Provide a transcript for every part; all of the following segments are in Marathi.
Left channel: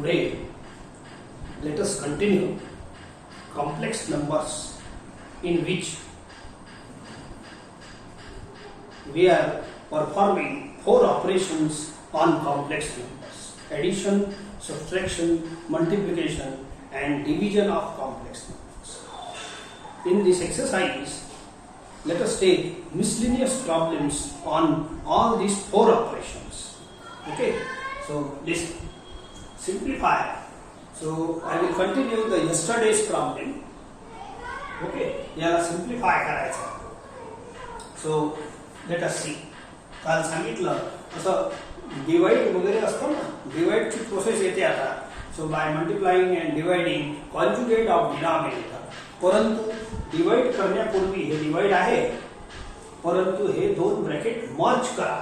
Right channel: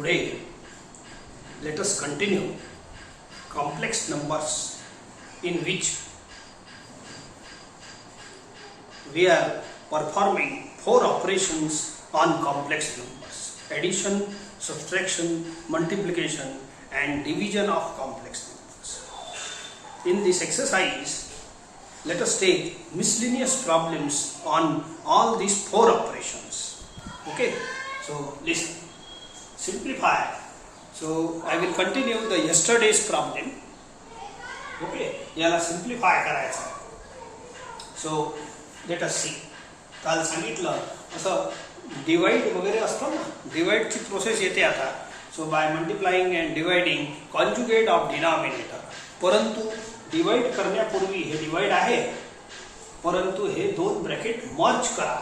Today, let us continue complex numbers in which we are performing 4 operations on complex numbers: addition, subtraction, multiplication and division of complex numbers. In this exercise, let us take miscellaneous problems on all these 4 operations. Okay, so listen. Simplify. So I will continue the yesterday's problem. Okay, याला simplify करायचा. So let us see. काल सांगितलं असं डिवाइड वगैरे असतं ना, डिवाइड ची प्रोसेस येते आता. So by multiplying and dividing conjugate of denominator. परंतु डिवाइड करण्यापूर्वी हे डिवाइड आहे, परंतु हे दोन ब्रॅकेट मर्ज करा.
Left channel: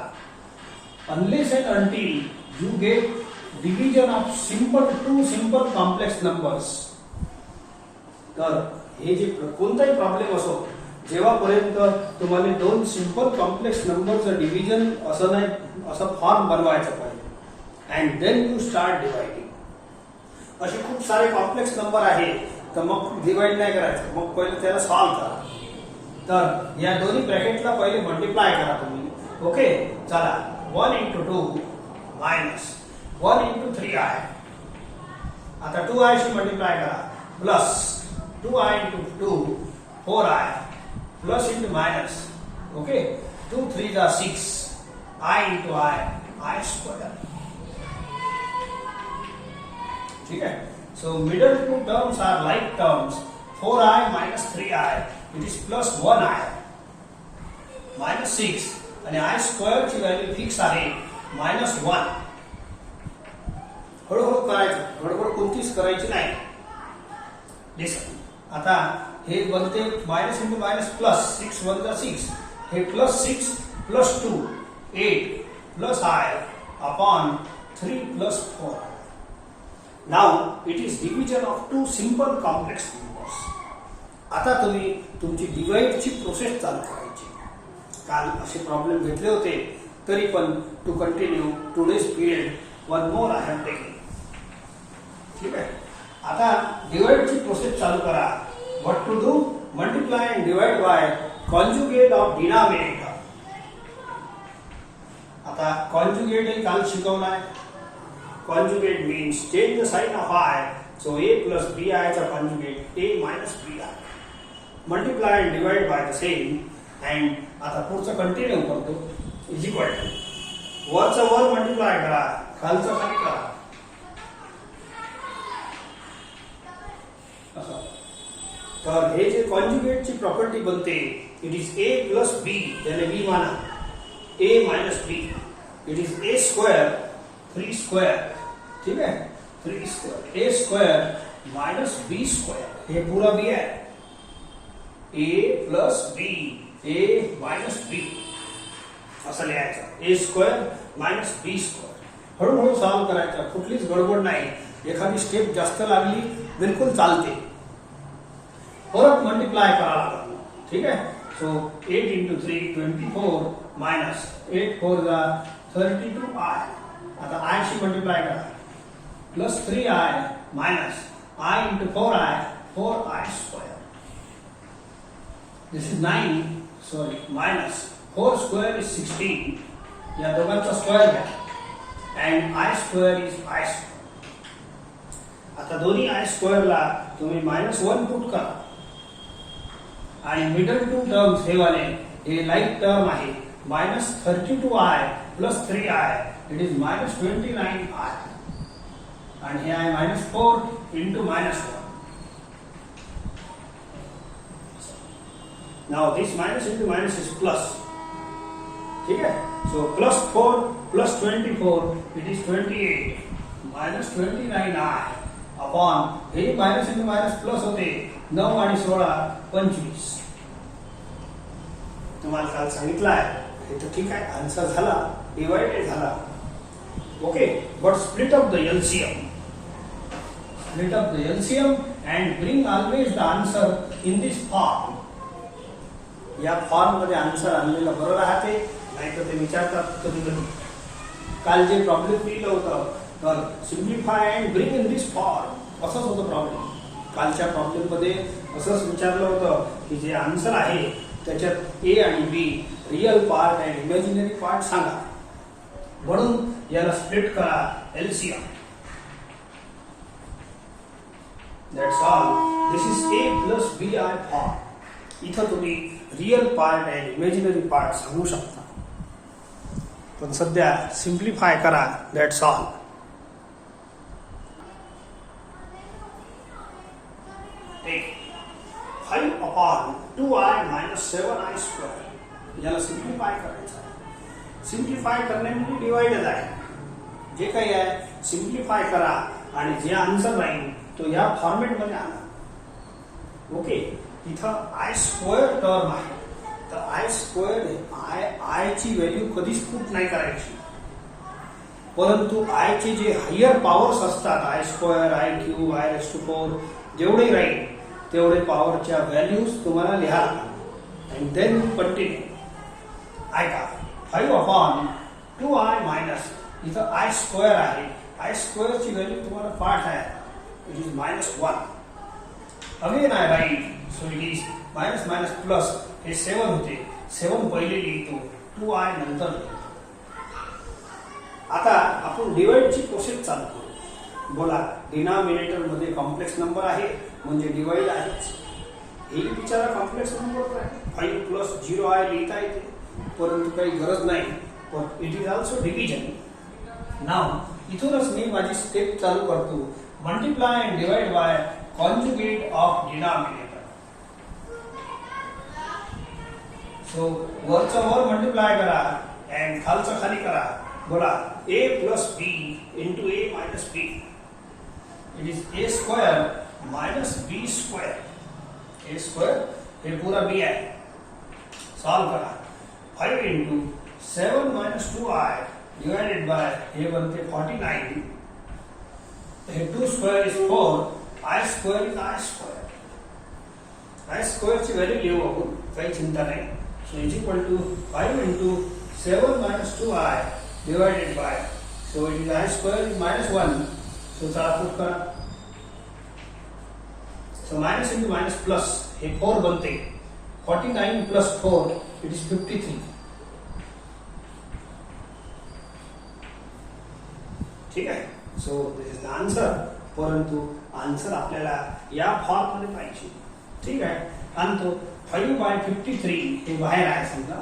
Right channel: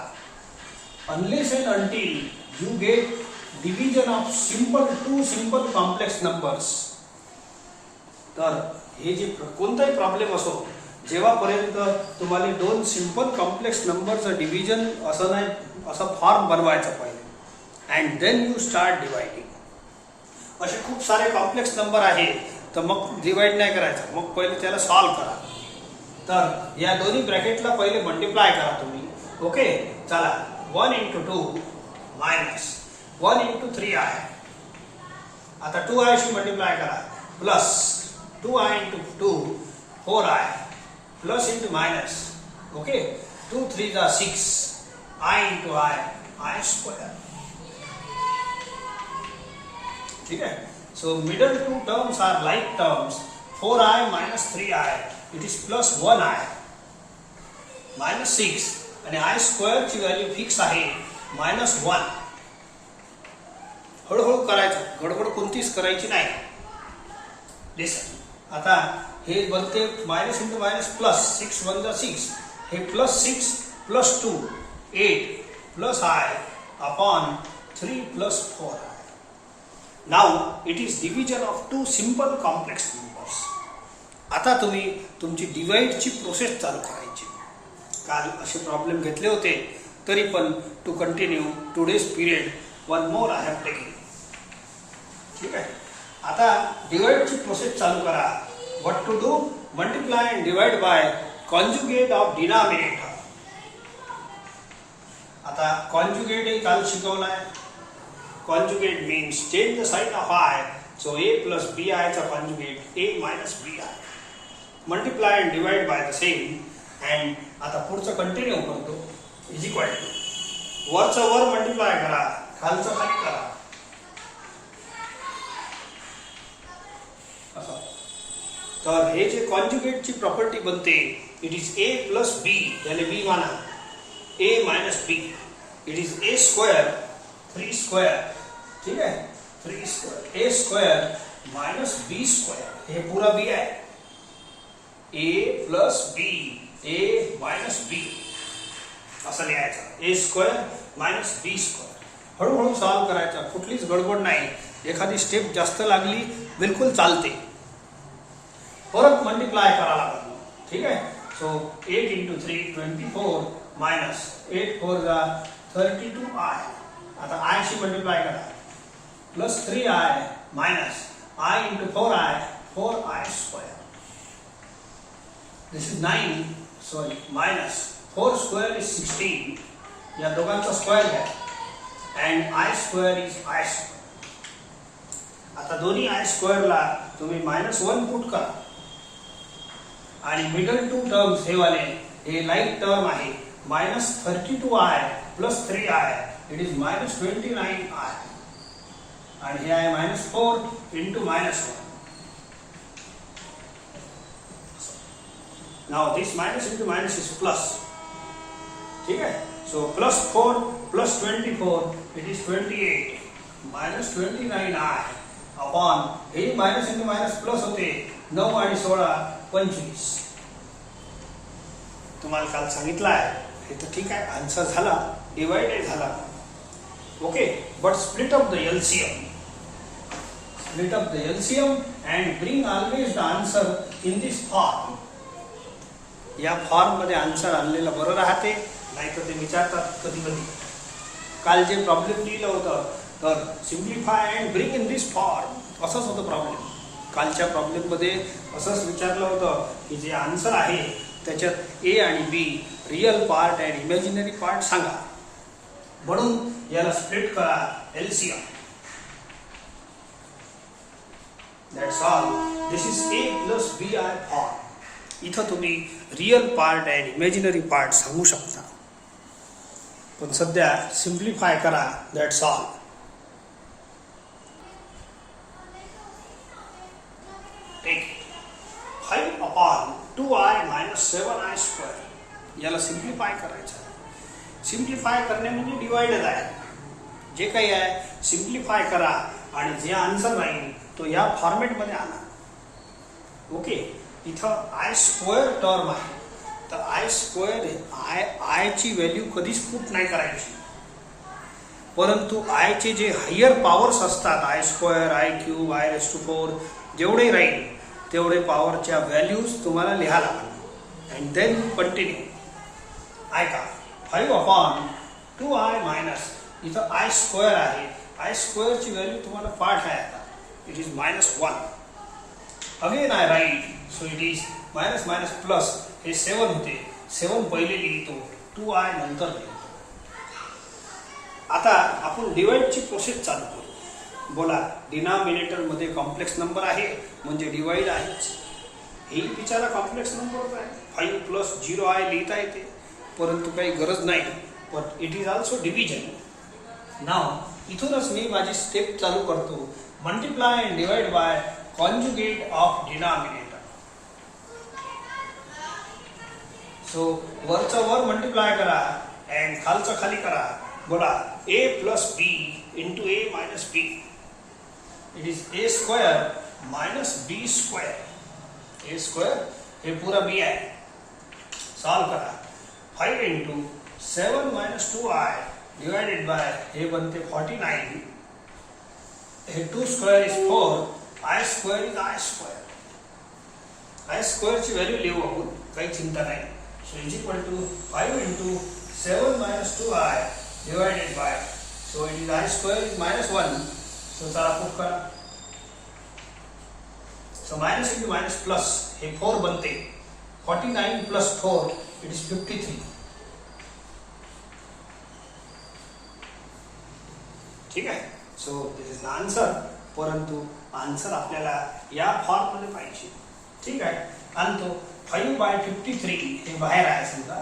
Unless and until you get division of two simple complex numbers. तर हे जे कोणताही प्रॉब्लेम असो, जेव्हापर्यंत तुम्हाला दोन सिंपल कॉम्प्लेक्स नंबरचं डिव्हिजन असं नाही, असं फॉर्म बनवायचं पाहिजे and then you start dividing. असे खूप सारे कॉम्प्लेक्स नंबर आहे, तर मग डिवाइड नाही करायचं, मग पहिले त्याला सॉल्व करा. तर या दोन्ही ब्रॅकेटला पहिले मल्टिप्लाय करा तुम्ही. ओके, चला. 1 into 2 मायनस 1 into 3i. आता 2i शी मल्टिप्लाय करा, plus 2i into 2 4i plus into minus. Okay, 2 3 जा 6 i into i स्क्वायर. ठीक है. So middle two terms are like terms. 4i minus 3i, it is plus 1i minus 6 आणि i स्क्वेअर ची व्हॅल्यू फिक्स आहे -1. हळूहळू करायचं, गडबड कोणतीच करायची नाही. लिसन. आता हे बनते मायनस इंटू मायनस प्लस 6 1 जा 6. हे plus 6 plus 2 8 plus i upon 3 plus 4. Now it is division of two simple complex numbers. आता तुम्ही तुमची डिवाइडची प्रोसेस चालू करायची. काल असे प्रॉब्लेम घेतले होते, तरी पण to continue today's period one more I have taken. ठीक आहे. आता डिवाइडची प्रोसेस चालू करा. What to do? Multiply and divide by conjugate of denominator. आता कॉन्जुगेट हे काल शिकवलाय. Conjugate means change the sign of i. So a plus bi चा conjugate a minus bi. Multiply and divide by the same. And आता पुढचं कंटिन्यू करतो. इज इक्वल टू वरचा वर मल्टिप्लाय करा, खालचा खाली करा. तर हे जे कॉन्जुगेटची प्रॉपर्टी बनते, it is a plus b. याने b माना, a minus b. It is a square 3 square. ठीक है, 3 square a square minus b square. हे पूरा b आहे. a plus b, a minus b असं लिहायचं. a square minus b square. हळूहळू सॉल्व करायचं, कुठलीच गडबड नाही. एखादी स्टेप जास्त लागली बिलकुल चालते. परत मल्टिप्लाय करावं लागतं. ठीक आहे. सो 8 into 3 24 मायनस 8 4 जा 32i. आता i शी मल्टिप्लाय करा, plus 3i minus i into 4i 4i square. This is 9 sorry minus 4 square is 16. या दोघांचा स्क्वेअर घ्या and i square is i square. आता दोन्ही i स्क्वेअरला तुम्ही -1 पुट करा आणि मिडल टू टर्म्स हे वाले हे लाईक टर्म आहे. -32i plus 3i, it is -29i. And here I -4 into -1. Now this minus into minus is plus. ठीक है. So plus 4 plus 24, it is 28 minus 29i upon हे minus into minus plus होते 9 आणि 16 25. तुम्हाला काल सांगितलं आहे हे तर ठीक आहे. आन्सर झाला, डिवाइड झाला. Okay, but split up the LCM. Split up the LCM and bring always the answer in this form. या फॉर्म मध्ये आन्सर आणलेलं बरं राहते, नाहीतर ते विचारतात कधी कधी. काल जे प्रॉब्लेम लिहिलं होतं तर simplify and bring in this form असंच होतं प्रॉब्लेम. कालच्या प्रॉब्लेममध्ये असंच विचारलं होतं की जे आन्सर आहे त्याच्यात ए आणि b real part and imaginary part सांगा, म्हणून याला स्प्लिट करा LCM. That's all. This is a plus b i form. इथं तुम्ही real part and imaginary part सांगू शकता, पण सध्या सिम्प्लिफाय करा. That's all. Take 5/2i - 7i². याला सिम्प्लिफाय करायचं. सिम्प्लिफाय करणे म्हणजे डिवाइडच आहे. जे काही आहे सिम्प्लिफाय करा आणि जे आन्सर राहील तो या फॉर्मॅटमध्ये आणा. ओके. इथं i² टर्म आहे, तर i² आय ची व्हॅल्यू कधीच पुट नाही करायची, परंतु आय चे जे हायर पॉवर्स असतात i² i³ i⁴ जेवढे राहील तेवढे पॉवरच्या व्हॅल्यूज तुम्हाला लिहा लागतात. And then you continue. ऐका 5/2i मायनस इथं i² आहे. i² ची व्हॅल्यू तुम्हाला पाठ आहे. It is -1. Again I write. So it is minus minus plus. हे 7 होते. 7 पहिले लिहितो, 2i नंतर लिहितो. आता आपण डिवाइडची प्रोसेस चालू करू. बोला, डिनॉमिनेटर मध्ये कॉम्प्लेक्स नंबर आहे म्हणजे डिवाइड आहेच. हे बिचारा कॉम्प्लेक्स नंबर आहे. 5 + 0i लिहिता येते, परंतु काही गरज नाही. But it is also division. Now इथूनच मी माझी स्टेप चालू करतो. Multiply and divide by conjugate of denominator. So वरचं वर मल्टिप्लाय करा अँड खालचं खाली करा. बोला, a + b × a - b. It is a² - b². a² हे पूरा b आहे. सॉल्व करा. 5 × 7 - 2i डिवाइडेड बाय हे बनते 49. हे 2² is 4. i² is i². i² ची व्हॅल्यू लिहू आपण, काही चिंता नाही. So is equal to 5 × 7 - 2i divided by, so it is i² is -1. so चला पुट करा. so minus into minus plus हे 4 बनते. 49 plus 4 it is 53. ठीक आहे. so this is the answer. परंतु आन्सर आपल्याला या फॉर्म मध्ये पाहिजे. ठीक आहे. आणि तो 5/53 हे बाहेर आहे. समजा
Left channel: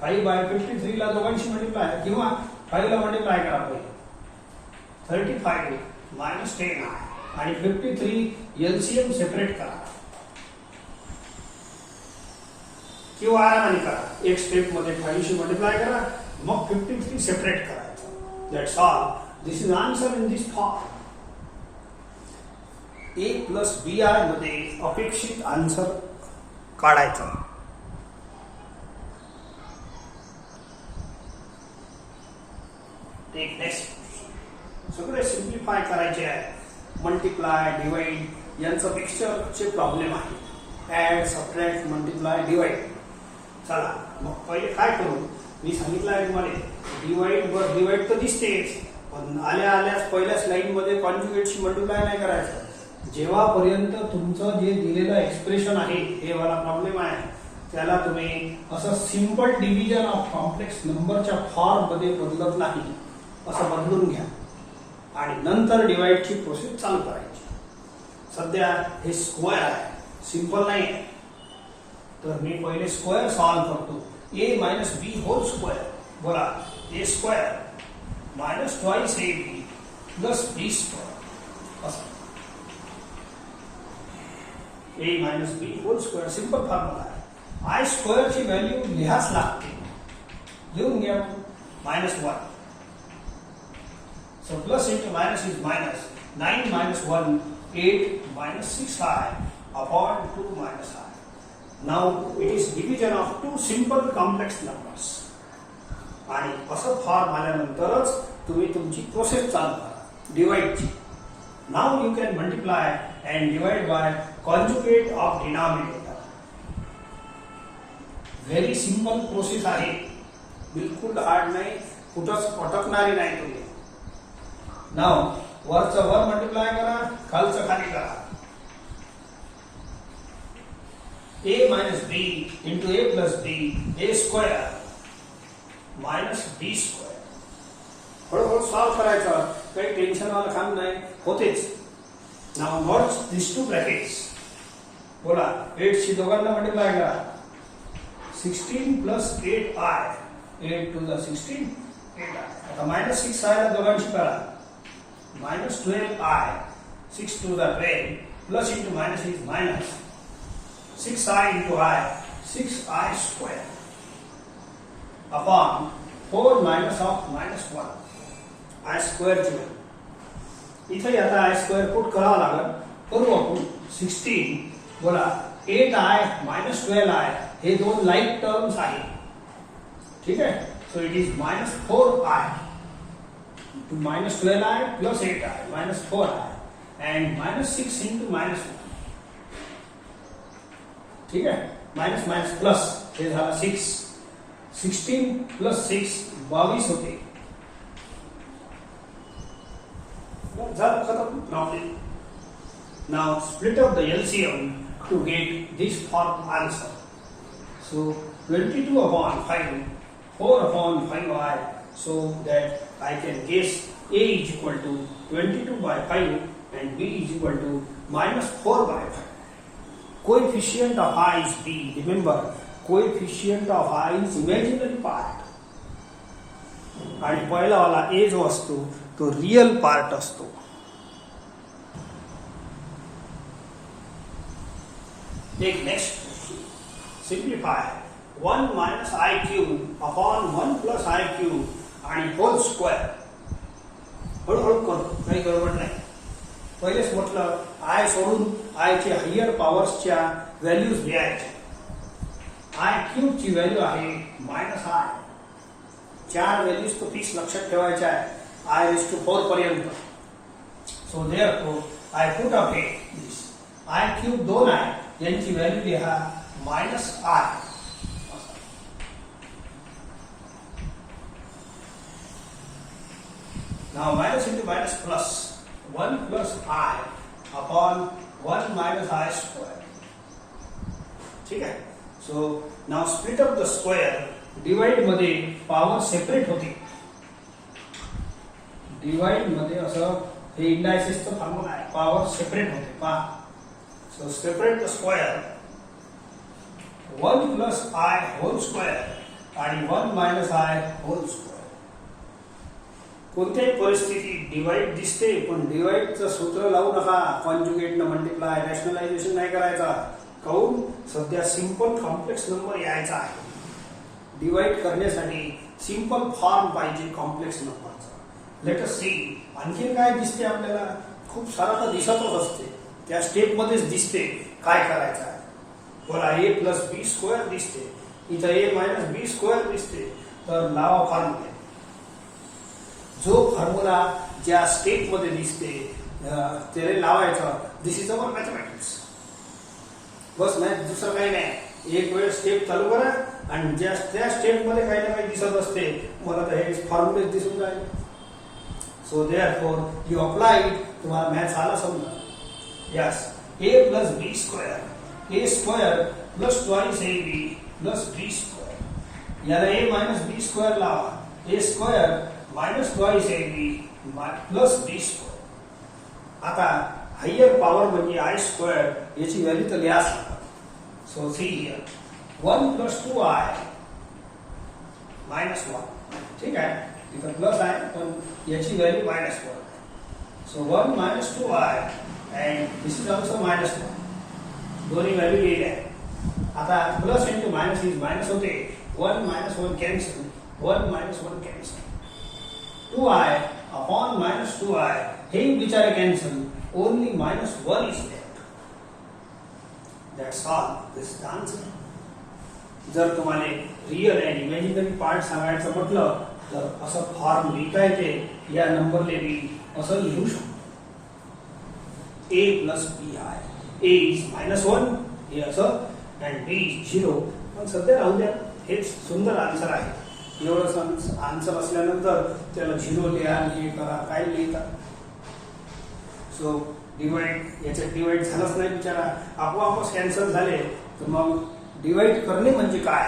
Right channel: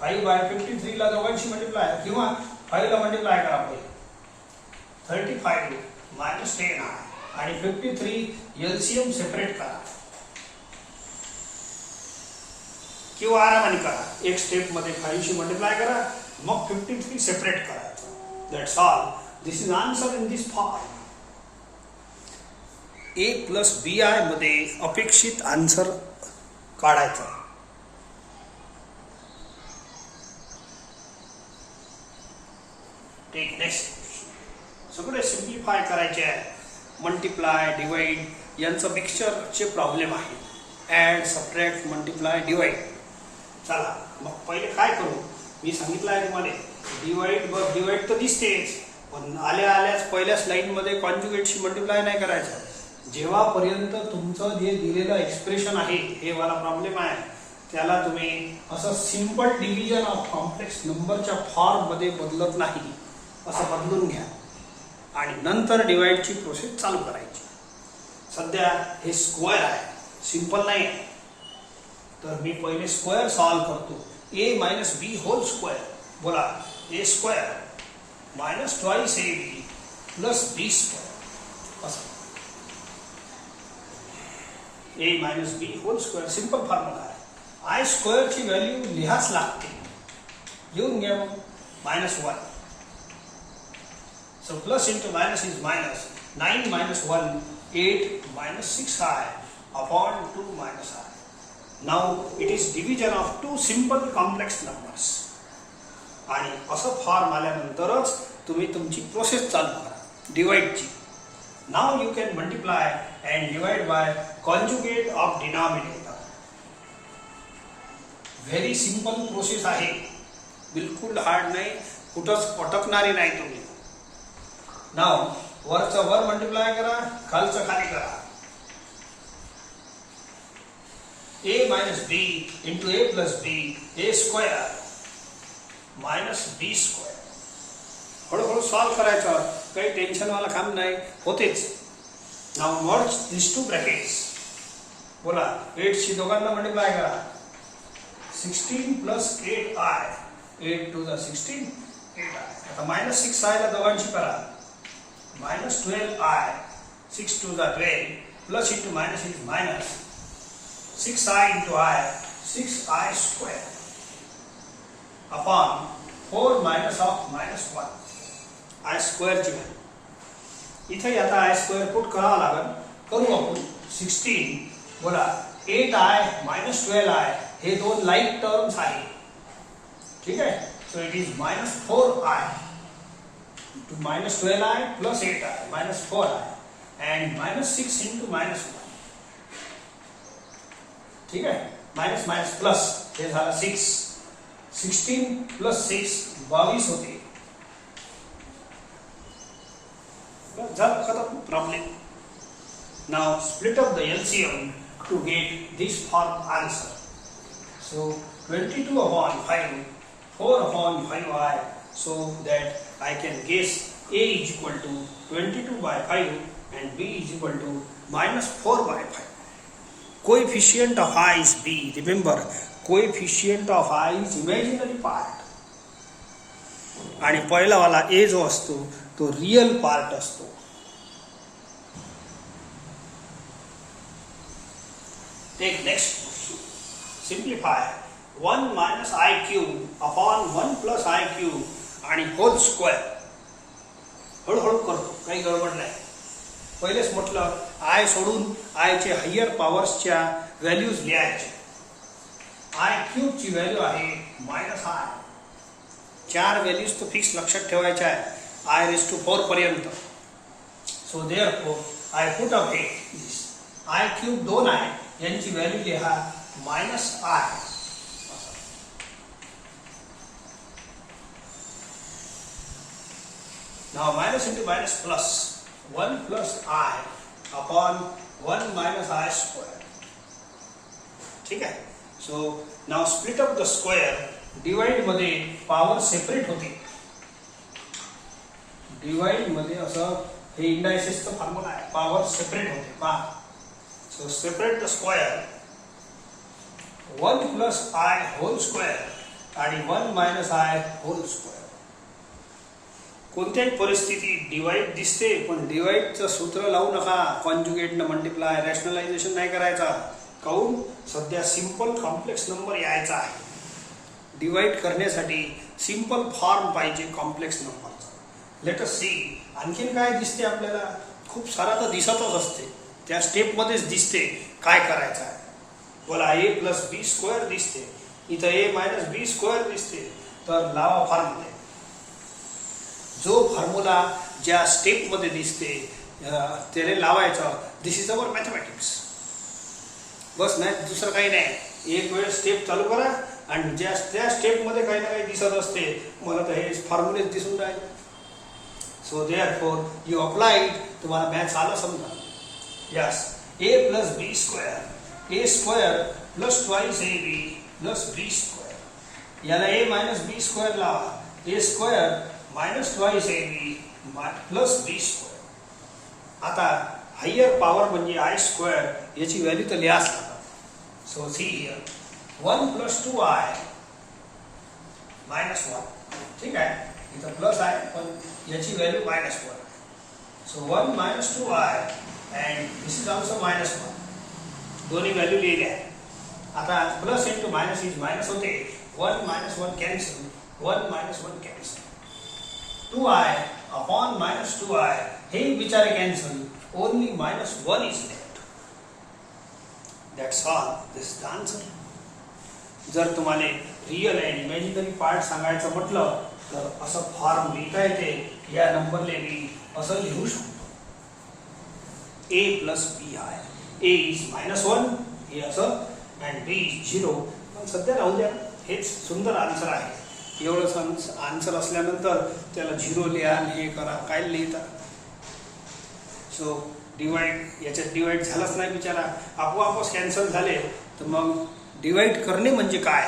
5/53 ला दोघांशी मल्टिप्लाय किंवा 5 ला मल्टिप्लाय करा. पहिले 35 - 10i आणि 53 एलसीएम सेपरेट करा किंवा आरामाने करा. एक स्टेप मध्ये 5 शी मल्टिप्लाय करा, मग 53 सेपरेट करायचं. That's all. This is answer in this form. a + bi मध्ये अपेक्षित आन्सर काढायचा. Take next. सगळे सिम्प्लिफाय करायचे आहे. मल्टिप्लाय डिवाइड यांचं पिक्चरचे प्रॉब्लेम आहे. Add subtract multiply divide. चला मग पहिले काय करू. मी सांगितलं आहे तुम्हाला डिवाइड तर दिसतेच, पण आल्या आल्याच पहिल्याच लाईनमध्ये कॉन्जुगेटशी मल्टिप्लाय नाही करायचं. जेव्हापर्यंत तुमचं जे दिलेलं एक्सप्रेशन आहे हे वाला प्रॉब्लेम आहे त्याला तुम्ही असं सिंपल डिव्हिजन ऑफ कॉम्प्लेक्स नंबरच्या फॉर्म मध्ये बदलत नाही, असं बदलून घ्या आणि नंतर डिवाइडची प्रोसेस चालू करायची. सध्या हे स्क्वेअर आहे, सिंपल नाही. तर मी पहिले स्क्वेअर सॉल्व करतो. a - b² बोला. a² - 2ab + b² असं. a - b² सिंपल फॉर्म्युला आहे. i² ची व्हॅल्यू लिहाच लागते. लिहून घ्या. -1. So plus into minus is minus. 9 - 1, 8 - 6i upon 2 - I. Now it is division of two simple complex numbers. आणि असं फॉर्म आल्यानंतरच तुम्ही तुमची प्रोसेस चालू करा डिवाइडची. Now you can multiply and divide by conjugate of denominator. Very simple process आहे, बिलकुल हार्ड नाही, कुठंच अटकणारी नाही तुम्ही. नाव वरचा वर मल्टिप्लाय करा, खालचं खाली करा. a minus b into a plus b a square minus b square. हळूहळू सॉल्व करायचं, काही टेन्शन वाला काम नाही, होतेच. नाव मर्ज दिस टू ब्रॅकेट्स. बोला 8 शी दोघांना मल्टिप्लाय करा. 16 plus 8i, 8 to the 16, 8i. आता minus 6i ला दोघांशी करा. minus 12i, 6 to the 12, plus into minus is minus. 6i into I, 6i square upon 4 minus of minus 1. I square ची व्हॅल्यू इथे आता I square पुट करावं लागेल. करू आपण. 16 बोला 8i minus 12i हे दोन लाईक टर्म्स आहे. ठीक आहे. So it is minus 4i to minus 12i plus 8i minus 4i and minus 6 into minus 1. ठीक है. माइनस माइनस प्लस हे झाला 6. 16 प्लस 6 22 होते. झालं खतम problem. Now split up the LCM to get this form answer. So 22 upon 5, 4 upon 5i, so that I can guess a is equal to 22 by 5 and b is equal to minus 4 by 5. Coefficient of I is b. Remember, coefficient of I is imaginary part. आणि पहिला वाला a जो असतो तो रियल पार्ट असतो. Take next question. Simplify 1 minus I cube upon 1 plus I cube आणि whole square. हळूहळू करतो, काही गडबड नाही. पहिलेच म्हटलं आय सोडून आयचे हायर पॉवर्सच्या व्हॅल्यूज लिहायचे. आय क्यूब ची व्हॅल्यू आहे मायनस आय. 4 व्हॅल्यूज तो फिक्स लक्षात ठेवायच्या आहे आय रेज टू 4 पर्यंत. So therefore I put up हे दिस आय क्यूब 2 आहे यांची व्हॅल्यू लिहा minus I. Now minus into minus plus 1 plus I upon 1 minus I square. ठीक है. So now split up the square. Divide मध्ये power separate होते. Divide मध्ये असं हे indices चा फॉर्म्युला आहे. Power separate होते. पहा. So separate the square. 1 plus I whole square आणि 1 minus I whole square. कोणत्याही परिस्थितीत डिवाइड दिसते, पण डिवाइडचं सूत्र लावू नका. कॉन्जुगेटनं मल्टिप्लाय, रॅशनलायझेशन नाही करायचा. काऊन सध्या सिंपल कॉम्प्लेक्स नंबर यायचा आहे. डिवाइड करण्यासाठी सिंपल फॉर्म पाहिजे कॉम्प्लेक्स नंबरचा. लेट अस सी आणखी काय दिसते आपल्याला. खूप सारा तर दिसतच असते, त्या स्टेपमध्येच दिसते काय करायचं आहे. बोला a प्लस बी स्क्वेअर दिसते, इथं a मायनस बी स्क्वेअर दिसते. तर लावा फॉर्म्युला. जो फॉर्म्युला ज्या स्टेप मध्ये दिसते त्याला लावायचा. दिस इज अवर मॅथमॅटिक्स. बस नाही दुसरं काही नाही. एक वेळ स्टेप चालू करा आणि ज्या त्या स्टेप मध्ये काही ना काही दिसत असते. मला तर हे फॉर्म्युलेच दिसून राहिले. So therefore you applied. तुम्हाला मॅथ्स आला समजा. Yes a plus b square, a square plus twice ab plus b square. याला a मायनस बी स्क्वेअर लावा. a square minus twice ab plus b square. आता हायर पॉवर म्हणजे आय स्क्वेअर याची व्हॅल्यू तर लिहा. So see here 1 plus 2i minus 1. ठीक आहे. इथं प्लस आहे पण याची value minus 1. So 1 minus 2i and this is also minus 1. दोन्ही व्हॅल्यू लिहिल्या. आता plus into minus is minus होते. 1 minus 1 cancel, 1 minus 1 cancel. 2i upon minus 2i हे बिचारे cancel. Only minus 1 is left. That's all. This is the answer. जर तुम्हाला रियल अँड इमॅजिनरी पार्ट सांगायचं म्हटलं तर असं फॉर्म लिहिता येते. या नंबरले मी असं लिहू शकतो. a प्लस बी आहे. a इज मायनस 1 हे असं अँड b इज 0. पण सध्या राहू द्या. हेच सुंदर आन्सर आहे. एवढंच आन्सर असल्यानंतर त्याला 0 लिहा, हे करा, काय लिहिता. सो डिवाइड, याच्यात डिवाइड झालाच नाही बिचारा, आपोआपच कॅन्सल झाले. तर मग डिवाइड करणे म्हणजे काय,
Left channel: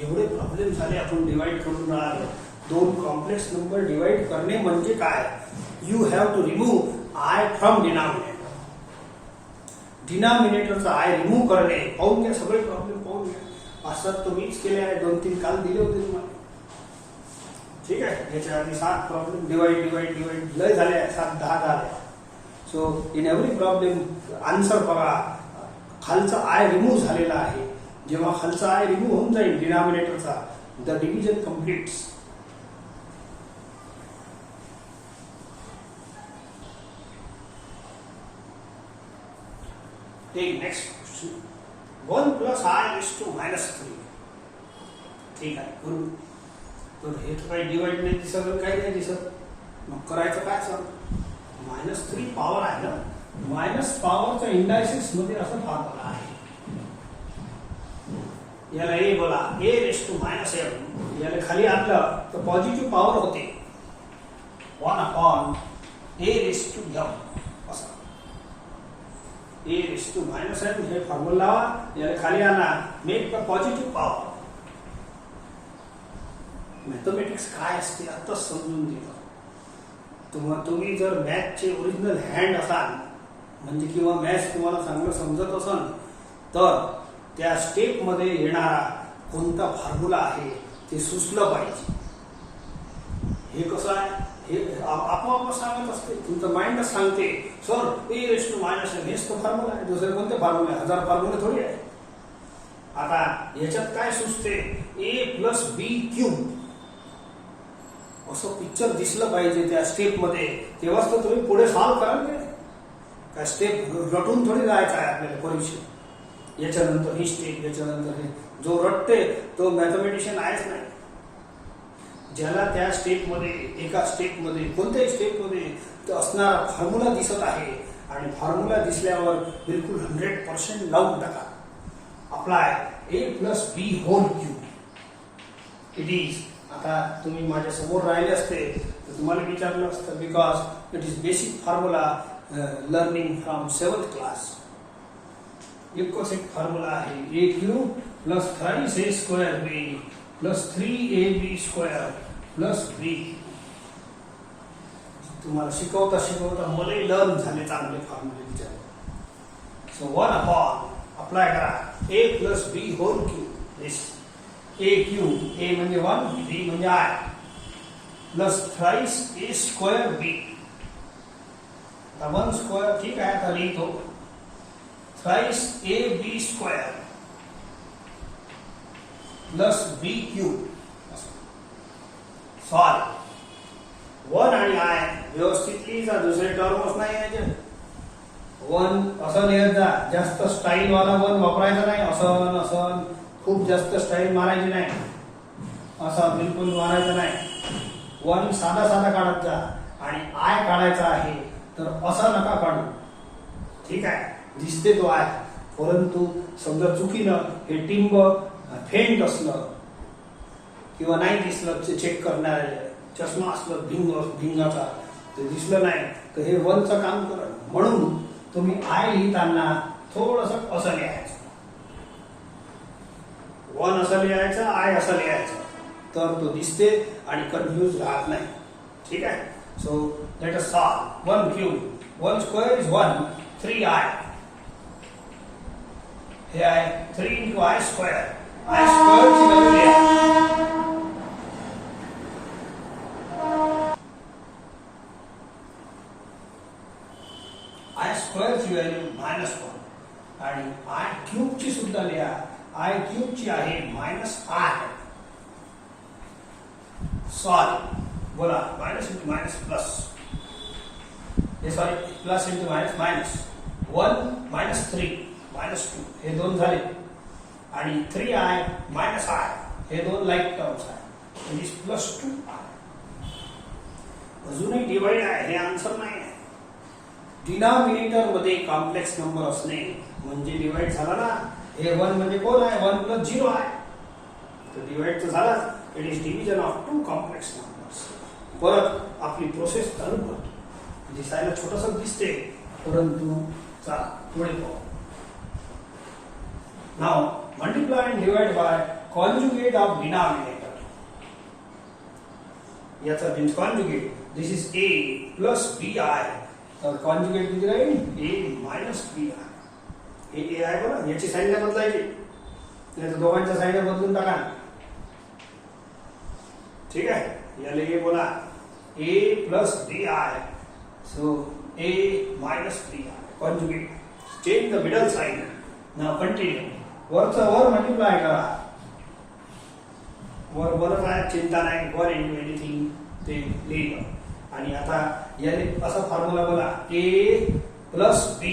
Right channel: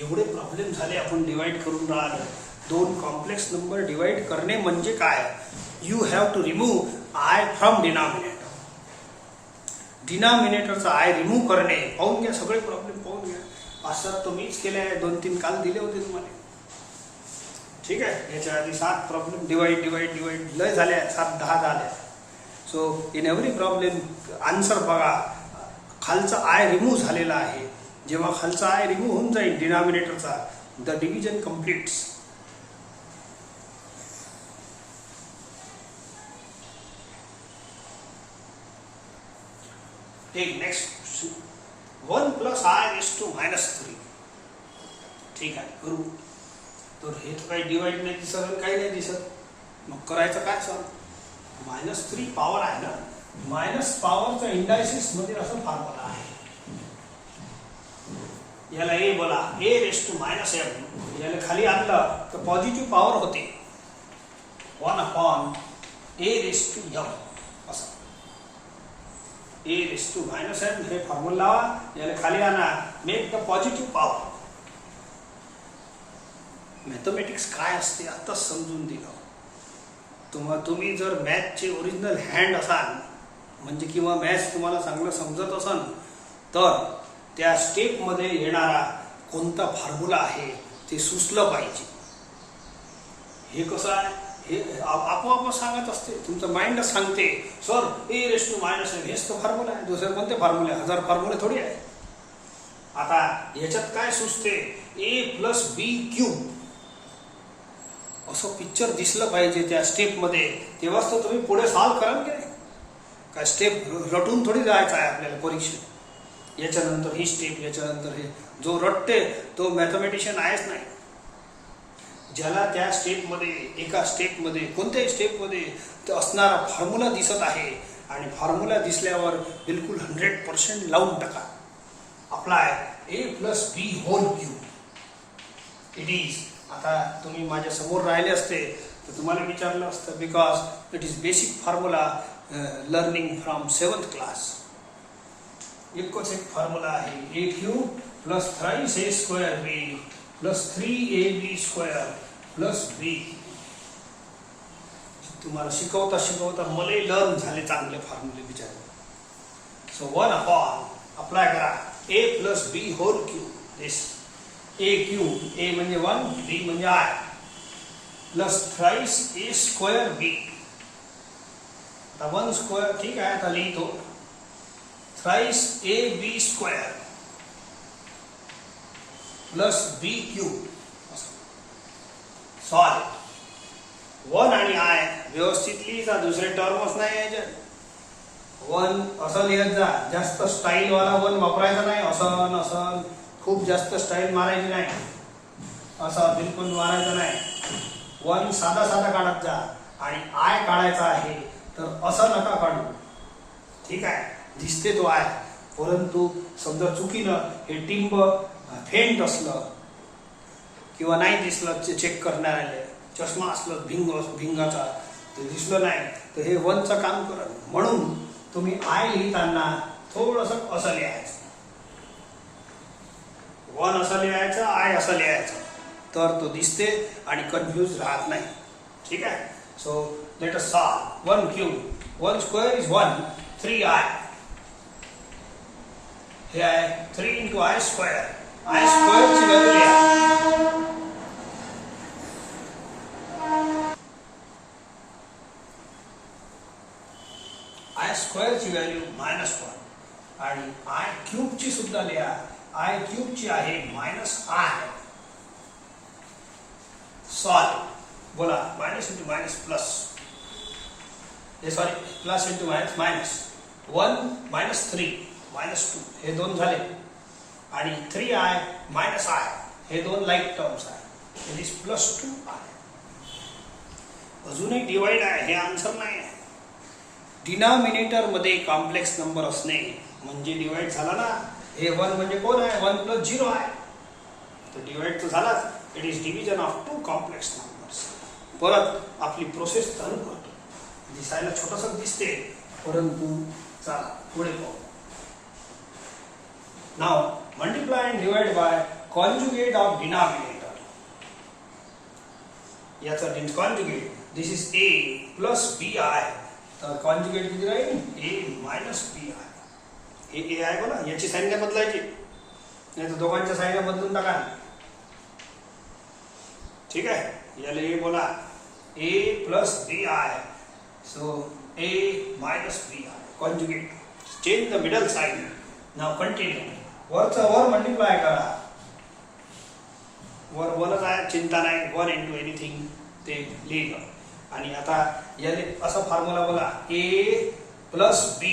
एवढे प्रॉब्लेम झाले, आपण डिवाइड करून राहिलो. दोन कॉम्प्लेक्स नंबर डिवाइड करणे म्हणजे काय. You have to remove I from denominator. डिनॉमिनेटरचा आय रिमूव्ह करणे. पाहून घ्या, सगळे प्रॉब्लेम पाहून घ्या. असं तुम्हीच केले आहे, 2-3 काल दिले होते तुम्हाला. ठीक आहे, याच्या आधी 7 प्रॉब्लेम डिवाइड डिवाइड डिवाइड लय झाले, 7-10 झाले. So in every problem answer बघा, खालचा आय रिमूव्ह झालेला आहे. जेव्हा खालचा आय रिमूव्ह होऊन जाईल डिनॉमिनेटरचा, the division completes. Take next question. 1 + i⁻³ ठीक आहे, करू. तर हे तर काही डिवाइड नाही दिसत, काही नाही दिसत, मग करायचं काय सर. -3 पॉवर आहे ना, मायनस पॉवरचा इंडायसिस मध्ये असं फॉर्म्युला आहे. याला ए बोला, a⁻m. याला खाली आणलं तर पॉझिटिव्ह पॉवर होते, 1/a⁻m असं. a⁻m हे फॉर्म्युला लावा, याला खाली आणा, make the positive power. Mathematics काय असते आता समजून दिलं. तुम्ही जर मॅथचे ओरिजिनल हँड असाल, म्हणजे किंवा मॅथ्स तुम्हाला चांगलं समजत असाल, तर त्या स्टेपमध्ये येणारा कोणता फॉर्म्युला आहे ते सुचलं पाहिजे. हे कसं आहे, हे आपोआप सांगत असते, तुमचं माइंडच सांगते, सर a⁻m हेच तो फॉर्म्युला आहे, दुसरे कोणते फॉर्म्युले, 1000 फॉर्म्युले थोडी आहे. आता याच्यात काय सुचते, a + b³ असं पिक्चर दिसलं पाहिजे त्या स्टेपमध्ये, तेव्हाच तर तुम्ही पुढे सॉल्व्ह कराल की नाही. काय स्टेप रटून थोडी जायचं आहे आपल्याला परीक्षेत. याच्यानंतर ही स्टेप, याच्यानंतर हे, जो रटते तो मॅथमॅटिशियन आहेच नाही. ज्याला त्या स्टेपमध्ये, एका स्टेपमध्ये, कोणत्याही स्टेपमध्ये असणारा फॉर्म्युला दिसत आहे, आणि फॉर्म्युला दिसल्यावर बिलकुल 100% लावून टाका. Apply a + b⁻³ it is. आता तुम्ही माझ्या समोर राहिले असते तर तुम्हाला विचारलं असतं, because it is basic formula learning from 7th class. एकच एक फॉर्म्युला आहे, a³ + thrice a² + 3ab² + b. तुम्हाला शिकवता शिकवता मलाही लर्न झाले चांगले फॉर्म्युले विचार. सो 1/, अप्लाय करा, a + b⁻³ this. a³ a म्हणजे 1, b म्हणजे i, + thrice a²b. 1² ठीक आहे, आता लिहितो, thrice ab² + b³ सॉल्व. 1 आणि i व्यवस्थित लिहिजा, दुसरे टर्मच नाही याचे. 1 असं लिहत जा, जास्त स्टाईल वाला 1 वापरायचा नाही. असं असं खूप जास्त स्टाईल मारायची नाही, असं बिलकुल मारायचं नाही. 1 साधा साधा काढत जा, आणि आय काढायचा आहे तर असं नका काढू. ठीक आहे, दिसते तो आय, परंतु समजा चुकीनं हे टिंब फेंट असलं किंवा नाही दिसलं, चेक करणाऱ्याला चष्मा असलं भिंगाचा, ते दिसलं नाही, तर हे 1चं काम करत. म्हणून तुम्ही आय लिहिताना थोडंसं असं लिहायचं, 1 असं लिहायचं, आय असं लिहायचं, तर तो दिसते आणि कन्फ्यूज राहत नाही. ठीक आहे. So let us solve. 1³ 1² is 1, 3i. हे आहे 3 × i². i² ची व्हॅल्यू लिहा. i² ची व्हॅल्यू -1, आणि i³ ची सुद्धा लिहा. i³ ची आहे -i. सॉल्व. बोला, माइनस इंटू माइनस प्लस, हे sorry plus into minus minus. 1 -3 -2 हे 2 झाले, आणि 3i -i हे 2 लाईक टर्म्स आहे. It is +2i. अजूनही डिवाइड आहे, हे आन्सर नाही आहे. डिनॉमिनेटर मध्ये कॉम्प्लेक्स नंबर असणे म्हणजे डिवाइड झाला ना. हे 1 म्हणजे कोण आहे, 1 + 0 आहे, तर डिवाइड तर झाला. It is division of two complex numbers. परत आपली प्रोसेस चालू करतो. दिसायला छोटंसं दिसते, परंतु चला पुढे पाहू. Now multiply and divide by conjugate of denominator. याचा conjugate this is a plus bi. तर कॉन्जुगेट किती राहील? a minus bi. a आहे बघा, याची संज्ञा बदलायची, नाही तर दोघांच्या संज्ञा बदलून टाका. ठीक आहे, याला a बोला, a plus bi. So a minus bi. Conjugate. Change the middle sign. Now continue. वरचा वर मल्टिप्लाय करा. वर वरच आहे, चिंता नाही. वर इंटू एनिथिंग ते लिहिलं. आणि आता याने असा फॉर्म्युला बोला, a प्लस b.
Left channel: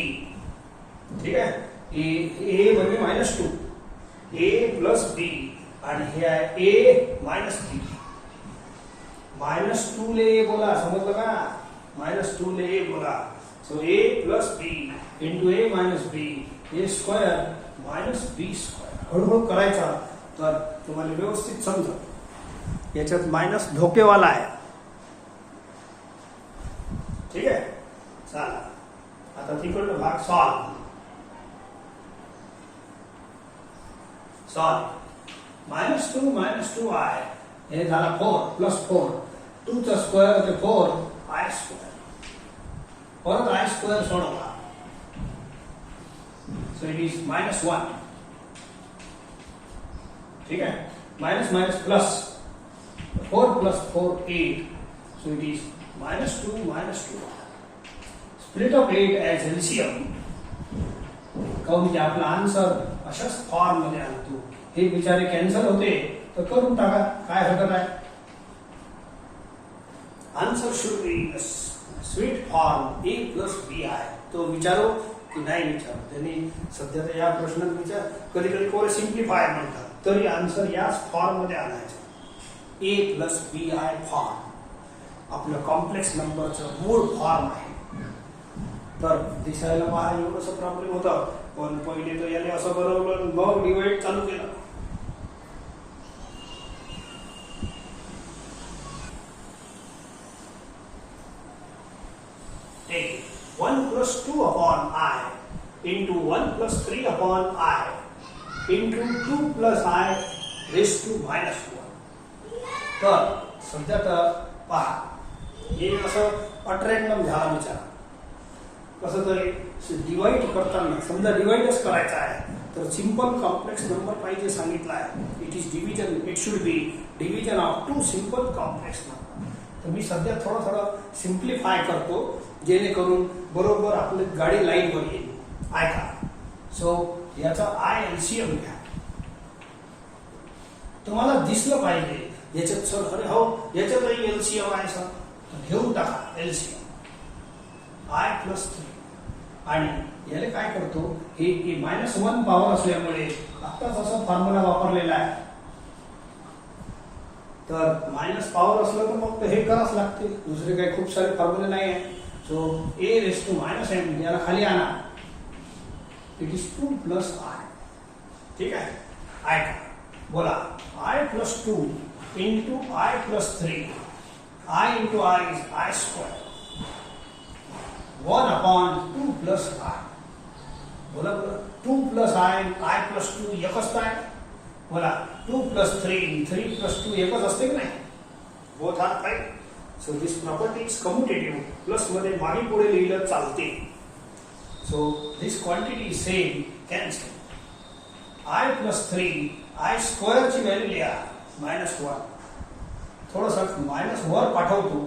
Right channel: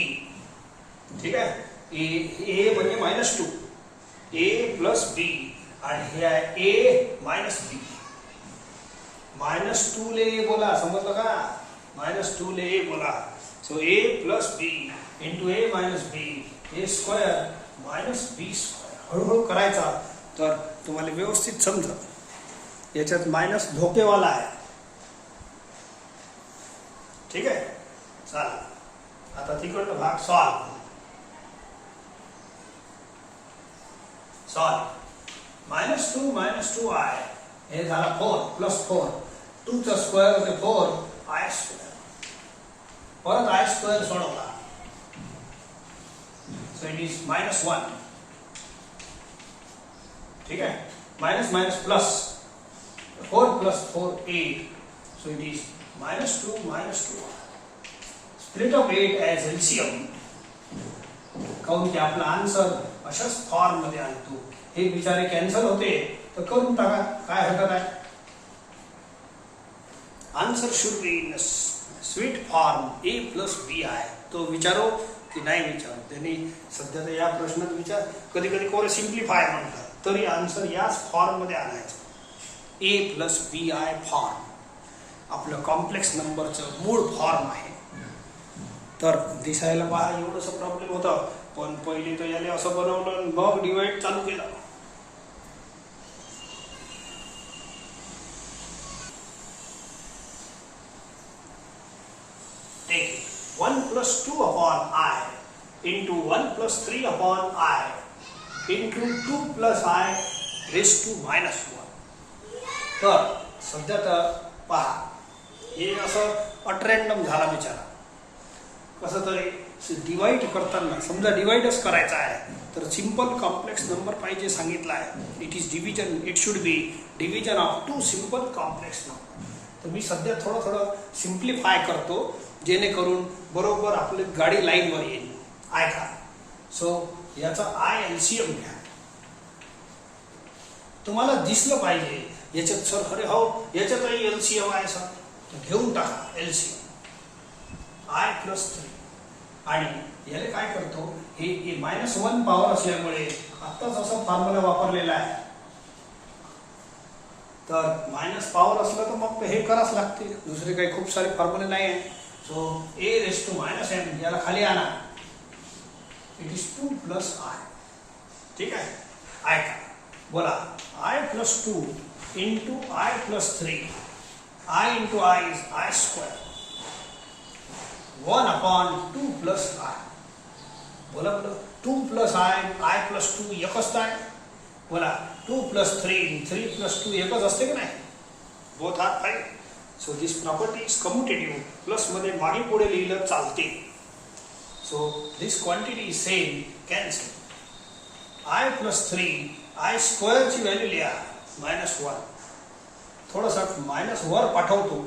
ठीक आहे, a म्हणजे -2, a प्लस b. आणि हे आहे a मायनस b. -2 ले a बोला, समजलं का? -2 ले a बोला. So a plus b into a minus b, a square minus b square. हळूहळू करायचा तर तुम्हाला व्यवस्थित समजत. याच्यात मायनस धोकेवाला आहे. ठीक आहे, चला आता तिकडचा भाग सॉल्व. -2 हे झाला 4 प्लस 4. 2 चा स्क्वेअर होते 4 i स्क्वेअर. परत i स्क्वेअर सोडवा. So it is -1. ठीक आहे, minus minus plus. 4 plus 4 8. So it is -2. Split of 8 as LCM. काऊन की आपला आन्सर अशाच फॉर्म मध्ये आणतो. हे विचारे कॅन्सल होते तर करून टाका, काय हरकत आहे. Answer should be in sweet form a plus b आहे. तो विचारो की नाही विचारो. त्यांनी सध्या या प्रश्नात विचार, कधी कधी कोण सिम्प्लिफाय म्हणतात, तरी आन्सर याच फॉर्म मध्ये आणायचं. a प्लस b फॉर्म आपलं कॉम्प्लेक्स नंबरचं मूळ फॉर्म आहे. तर दिसायला पहा एवढंसं प्रॉब्लेम होता, पण पहिले तर याला असं बनवलं, मग डिवाइड चालू केलं. Take 1 plus 2 upon I into 1 plus 3 upon I into 2 plus I raised to -1. तर सध्या तर पहा, हे असं अट्रॅन्डम झाला विचार. कसं तरी डिवाइड करताना समजा डिवाइडच करायचा आहे, तर सिंपल कॉम्प्लेक्स नंबर पाहिजे सांगितलं आहे. It is division, it should be division of two simple complex number. तर मी सध्या थोडं सिम्प्लिफाय करतो, जेणेकरून बरोबर आपली गाडी लाईनवर येईल. ऐका. सो याचा आय एलसीएम घ्या. तुम्हाला दिसलं पाहिजे याच्यात, सर अरे हो याच्यातही एलसीएम आहे सर, तर घेऊन टाका एलसीएम. I plus 3. आणि याला काय करतो, हे -1 पॉवर असल्यामुळे आत्ताच असा फॉर्म्युला वापरलेला आहे. तर मायनस पॉवर असलं तर मग हे करावंच लागते, दुसरे काही खूप सारे फॉर्म्युले नाही आहे. So a raised to -m याला खाली आणा. It is 2 plus i. ठीक आहे, ऐका बोला, i plus 2 into i plus 3. i into i is i square. 1 upon 2 plus i. बोला 2 प्लस i प्लस 2 एकच आहे. बोला 2 प्लस 3 प्लस 2 एकच असते की नाही? Both are right. So this property is commutative. Plus मध्ये मागे पुढे लिहिलं चालते. So this quantity is same, cancel. i plus 3 i square ची व्हॅल्यू लिहा -1. थोडंसं मायनस वर पाठवतो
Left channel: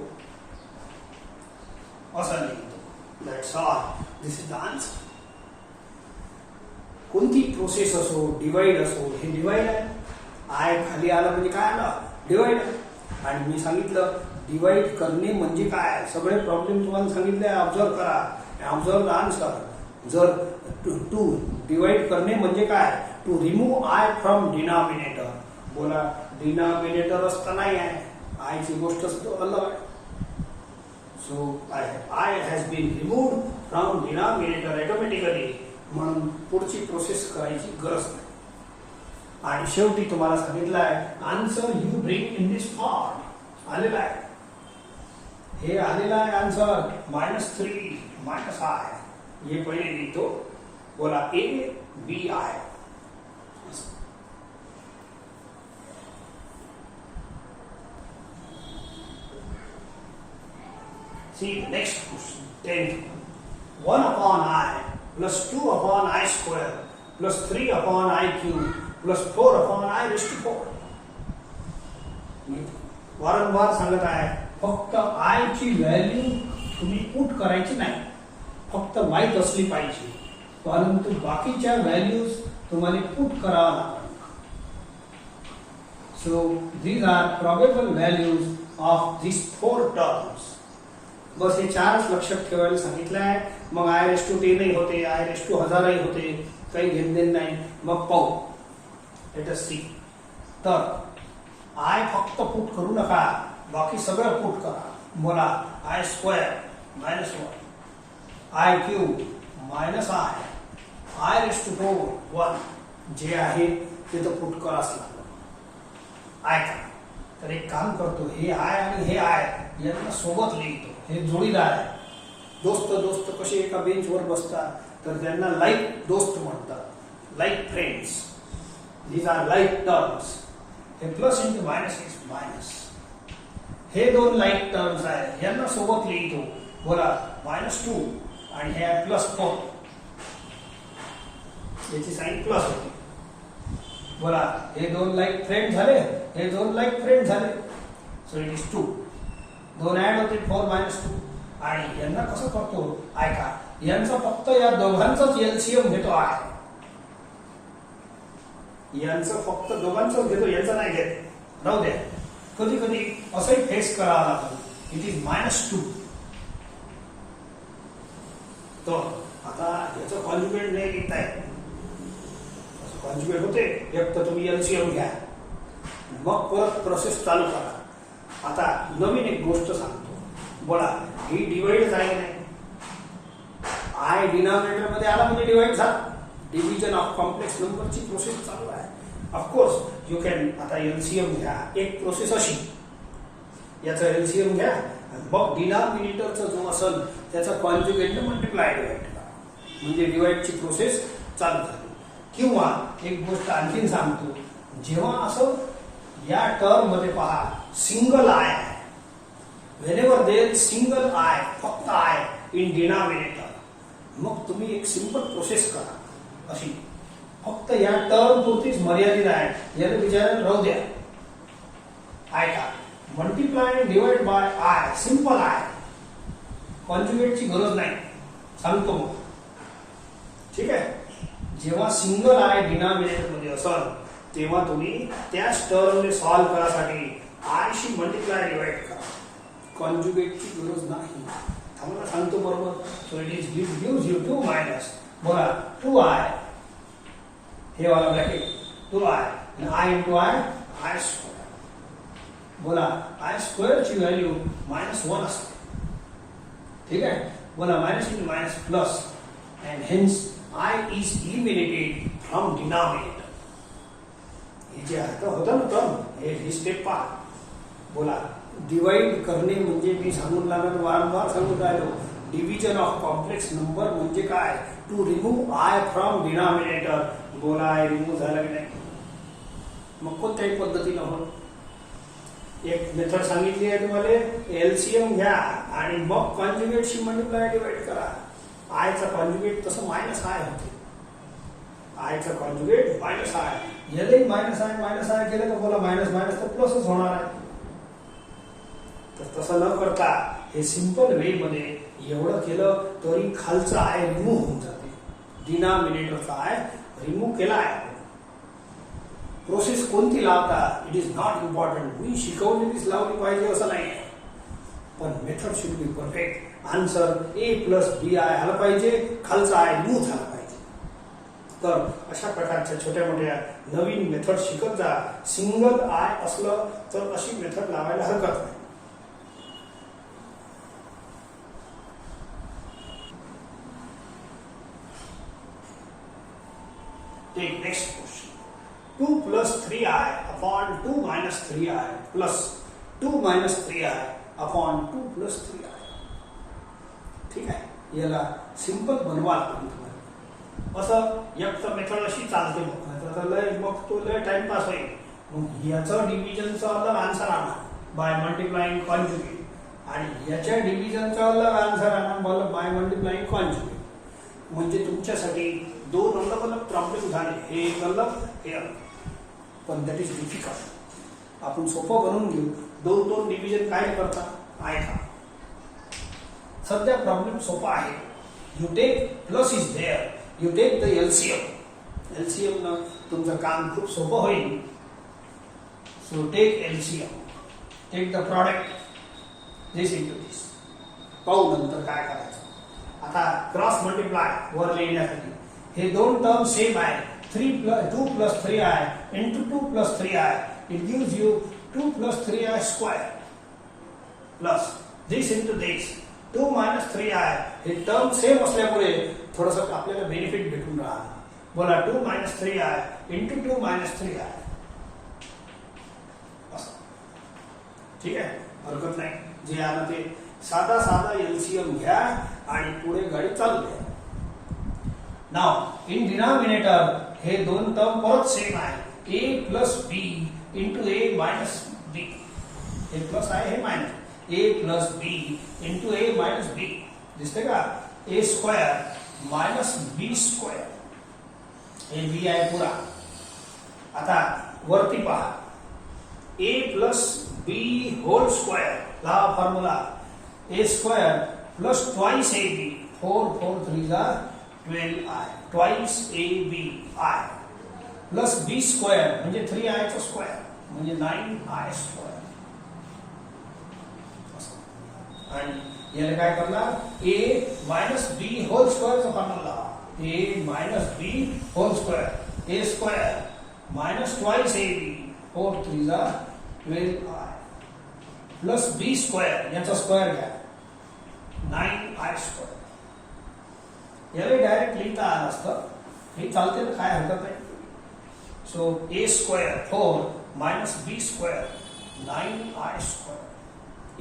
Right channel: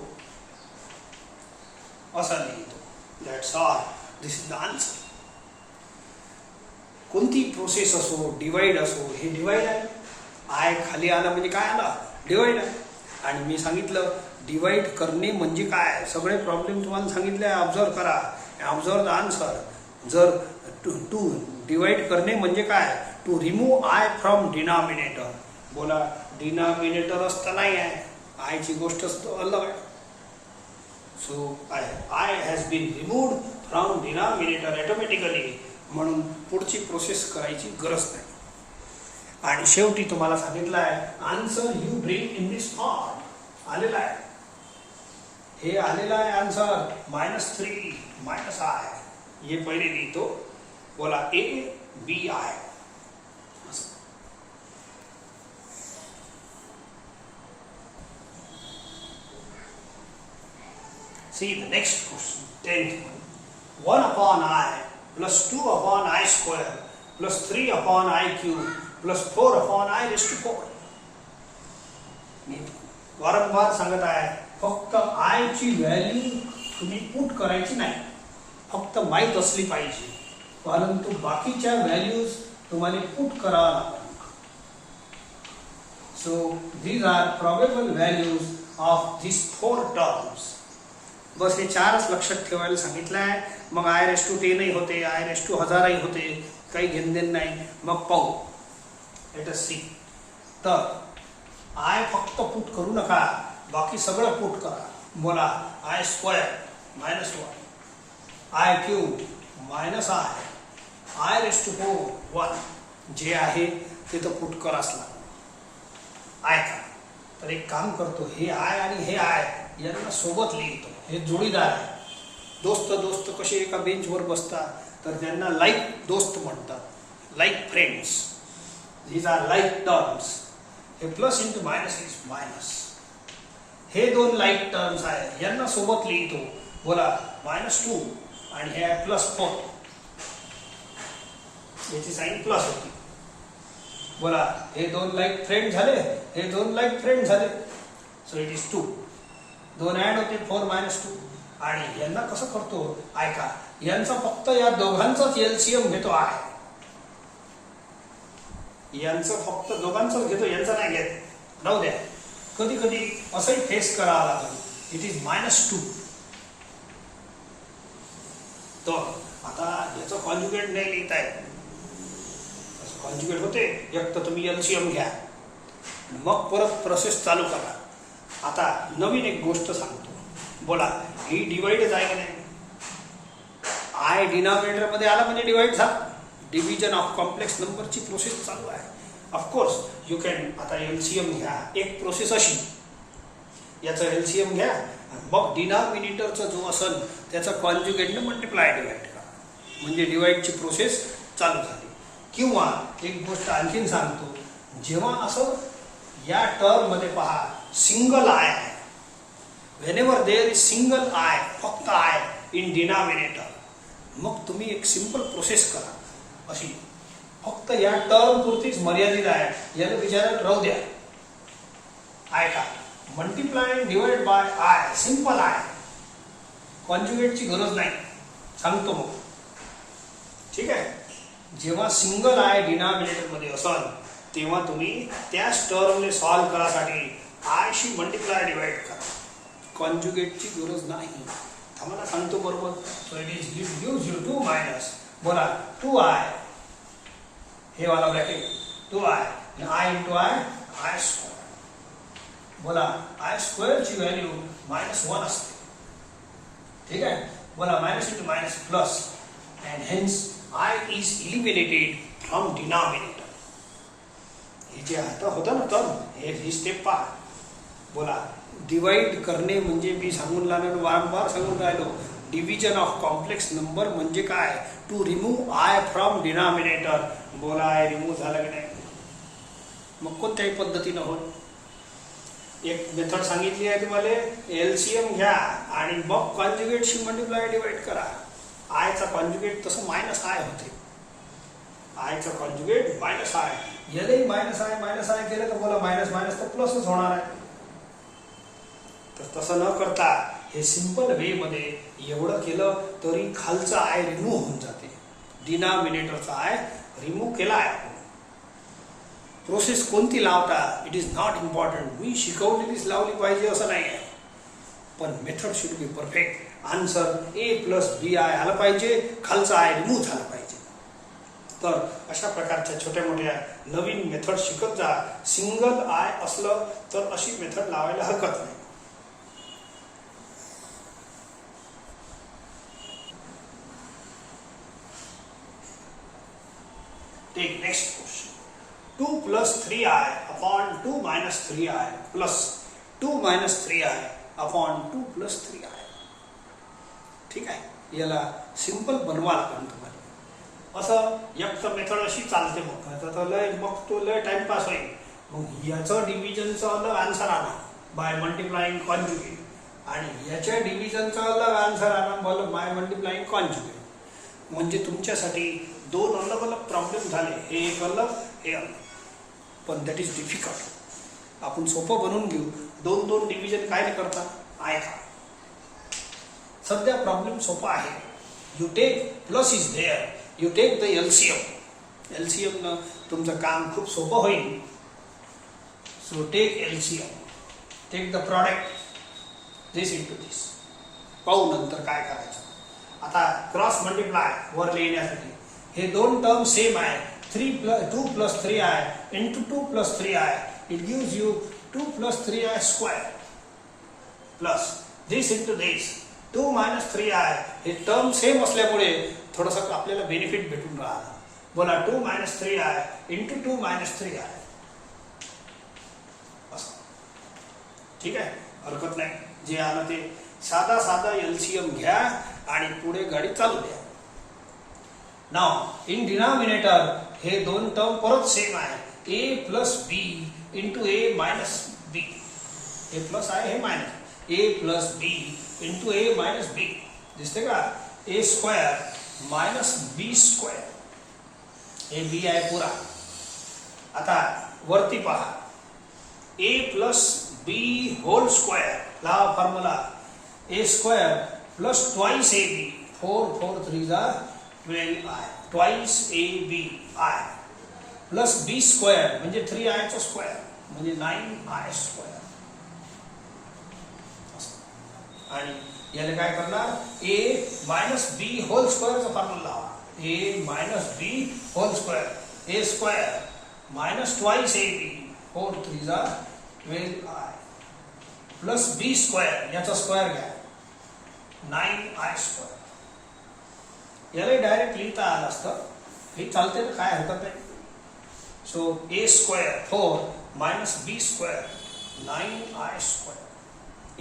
असं लिहितो. That's all. This is the answer. कोणती प्रोसेस असो, डिवाइड असो, हे डिवाइड आहे. आय खाली आला म्हणजे काय आला? डिवाइड आहे. आणि मी सांगितलं डिवाइड करणे म्हणजे काय, सगळे प्रॉब्लेम तुम्हाला सांगितले आहे. ऑब्झर्व करा, ऑब्झर्व द आन्सर. जर टू डिवाइड करणे म्हणजे काय, to remove I from denominator. बोला डिनॉमिनेटर असतं नाही आहे, आयची गोष्ट असतो अलग आहे. So I has been removed from denominator automatically. म्हणून पुढची प्रोसेस करायची गरज नाही. आणि शेवटी तुम्हाला सांगितलं आहे answer you bring in this form आलेला आहे. हे आलेला आहे आन्सर -3 -i. हे पहिले लिहितो. बोला ABI. See the next question. 10th. 1 upon I plus 2 upon I square plus 3 upon I cube plus 4 upon I raised to 4. वारंवार सांगत आहे फक्त आय ची व्हॅल्यू तुम्ही पुट करायची नाही, फक्त माहीत असली पाहिजे, परंतु बाकीच्या व्हॅल्यूज तुम्हाला पुट करावा लागतात. So these are probable values of this 4 terms. बस हे 4च लक्षात ठेवायला सांगितलं आहे. मग I⁻10 होते, I⁻1000 होते, काही घेणदेण नाही. मग पाहू. Let us see. तर आय फक्त पुट करू नका, बाकी सगळं पुट करा. बोला I² -1 I³ -i I⁻4 1 जे आहे ते तर पुट कराच लागलं. आय का तर एक काम करतो, हे आय आणि हे आय यांना सोबत लिहितो. हे जोडीदार आहे. दोस्त कसे एका बेंचवर बसतात तर त्यांना लाईक दोस्त म्हणतात, like friends. These are like terms. हे plus into minus is minus. हे 2 लाईक टर्म्स आहे, यांना सोबत लिहितो. बोला -2 आणि हे +4. याची साइन प्लस होती. बोला हे 2 लाईक फ्रेंड झाले, हे 2 लाईक फ्रेंड झाले. So it is 2. 2 ऍड होते 4 -2. आणि यांना कसं करतो ऐका, यांचा फक्त या दोघांचाच एलसीएम घेतो आहे. यांचं फक्त दोघांचाच घेतो, यांचा नाही घेत. राहू द्या. कधी कधी असंही फेस करावं लागेल. It is -2. तर आता याचं कॉन्जुगेट नाही लिहिता येत. कॉन्जुगेट होते, एक तर तुम्ही एलसीएम घ्या, मग परत प्रोसेस चालू करा. आता नवीन एक गोष्ट सांगतो. बोला ही डिवाइड आहे की नाही? आय डिनॉमिनेटर मध्ये आला म्हणजे डिवाइड झाला. डिव्हिजन ऑफ कॉम्प्लेक्स नंबरची प्रोसेस चालू आहे. Of course you can. आता एलसीएम घ्या. एक प्रोसेस अशी, याचं एलसीएम घ्या, मग डिनॉमिनेटरचा जो असेल त्याचा कॉन्जुगेटने मल्टिप्लाय डिवाइड करा, म्हणजे डिवाइडची प्रोसेस चालू झाली. किंवा एक गोष्ट आणखीन सांगतो, जेव्हा असं या टर्म मध्ये पहा सिंगल आय आहे, whenever there is single I, फक्त आय इन डिनॉमिनेटर, मग तुम्ही एक सिंपल प्रोसेस करा अशी. फक्त या टर्म पुरतीच मर्यादित आहे, याला विचारात राहू द्या. आय का multiply divide by i, simple i, कॉन्जुगेटची गरज नाही. सांगतो मग, ठीक आहे. जेव्हा सिंगल आय डिनॉमिनेटर मध्ये असाल तेव्हा तुम्ही त्याच टर्मने सॉल्व करासाठी आय शी मल्टिप्लाय डिवाइड करा. कॉन्जुगेटची गरज नाही. आम्हाला सांगतो बरोबर. So it is gives you 2 minus. बोला 2i, हे वाला ब्रॅकेट 2i आणि i इंटू i स्क्वेअर. बोला i स्क्वेअर ची व्हॅल्यू -1 असते, ठीक आहे. बोला minus into minus plus, and hence I is eliminated from denominator. हे जे आता होतं ना टर्म, हे स्टेप पहा. बोला डिवाइड करणे म्हणजे मी सांगून लागलो, वारंवार सांगून राहिलो, डिव्हिजन ऑफ कॉम्प्लेक्स नंबर म्हणजे काय? To remove I from denominator. बोला आय रिमूव्ह झाला की नाही? मग कोणत्याही पद्धतीनं हो. एक मेथड सांगितली आहे तुम्हाला, एलसीएम घ्या आणि मग कॉन्जुगेटशी मल्टिप्लाय डिवाइड करा. आयचा कॉन्जुगेट तसं -i होते. आयचा कॉन्जुगेट -i, यालाही -i केलं तर बोला मायनस मायनस तर प्लसच होणार आहे. तर तसं न करता हे सिंपल वे मध्ये एवढं केलं तरी खालचं आय रिमूव्ह होऊन जाते. डिनॉमिनेटरचा आय रिमूव्ह केला आहे. प्रोसेस कोणती लावता इट इज नॉट इम्पॉर्टंट. मी शिकवलेलीच लावली पाहिजे असं नाही आहे, पण method should be perfect. Answer A + BI आलं पाहिजे, खालचा आय रिमूव्ह झाला पाहिजे. तर अशा प्रकारच्या छोट्या मोठ्या नवीन मेथड शिकत जा. सिंगल आय असलं तर अशी मेथड लावायला हरकत नाही. Take next question. 2 plus 3i upon 2 minus 3i plus 2 minus 3i upon 2 plus 3i. ठीक आहे, याला सिंपल बनवा लागेल तुम्हाला. असं एक तर मेथड अशी चालते मग तो लय टाइमपास होईल. मग याचं डिव्हिजनचं अलग आन्सर आणा बाय मल्टिप्लाइंग कॉन्जुगेट आणि याच्या डिव्हिजनचा अलग आन्सर आणा बाय मल्टिप्लाइंग कॉन्जुगेट. म्हणजे तुमच्यासाठी दोन अलग अलग प्रॉब्लेम झाले, हे एक अलग हे अलग. पण दॅट इज डिफिकल्ट. आपण सोपं बनवून घेऊ. दोन दोन डिव्हिजन काय करता ऐका. सध्या प्रॉब्लेम सोपा आहे. You take plus is there, you take the LCM. LCM न तुमचं काम खूप सोपं होईल. So take LCM, take the product this into this. पाहू नंतर काय करायचं. आता क्रॉस मल्टिप्लाय वर लिहिण्यासाठी हे दोन टर्म सेम आहे. 2 plus 3i into 2 plus 3i, it gives you 2 plus 3i square plus this into this 2 minus 3i. हे टर्म सेम असल्यामुळे थोडंसं आपल्याला बेनिफिट भेटून राहिला. बोला 2 minus 3i into 2 minus 3i. असं ठीक आहे, हरकत नाही. जे आलं ते साधा साधा एलसीएम घ्या आणि पुढे गाडी चालू द्या. नाव इन डिनॉमिनेटर हे दोन टर्म परत सेम आहे. a plus b into a minus b. हे प्लस आहे, हे minus. a plus b into a minus b दिसते का. a square minus b square. हे b आहे पुरा. आता वरती पहा a plus b whole square. लावा formula. a square plus twice ab. 4 4 3 जा 12i twice ab i plus b square म्हणजे 3i चा स्क्वेअर म्हणजे 9i स्क्वेअर. आणि याला काय करणार a मायनस b होल स्क्वेअरचा फॉर्म्युला लावा. a minus b whole square. a square minus twice ab 4 3 जा 12i प्लस b स्क्वेअर याचा स्क्वेअर घ्या 9i स्क्वेअर. याला डायरेक्ट लिहिता आलं असतं. हे चालते तर काय हरकत नाही. So a square 4 minus b square 9i square.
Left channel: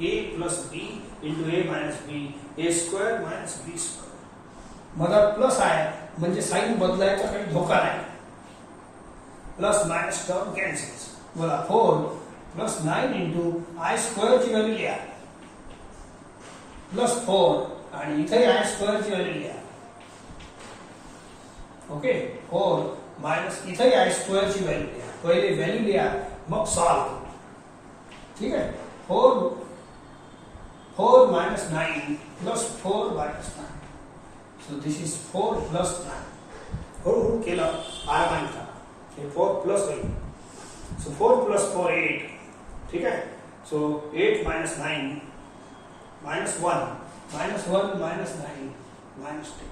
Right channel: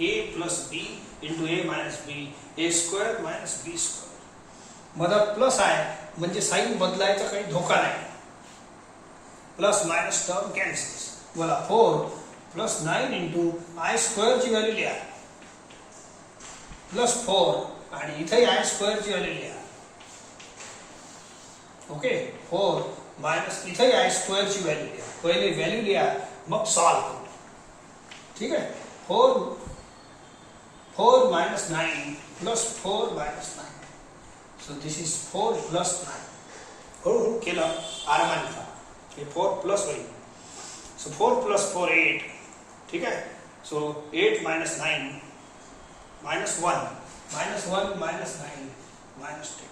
a plus b into a minus b a square minus b square. मधात प्लस आहे म्हणजे साइन बदलायचा काही धोका नाही. Plus minus term cancels. बोला 4 प्लस 9 इंटू i स्क्वेअरची व्हॅल्यू लिहा प्लस 4 आणि इथे i स्क्वेअरची व्हॅल्यू लिहा. ओके 4 मायनस इथे आय स्क्वेअरची व्हॅल्यू लिहा. पहिले व्हॅल्यू लिहा मग सॉल्व. ठीक आहे. 4 minus 9 plus 4 minus 9. So this is 4 plus 9. हळूहळू केलं आरामाने. हे 4 प्लस होईल. So 4 plus 4 8. ठीक आहे. So 8 minus 9 minus 1 minus 1 minus 9 minus 10.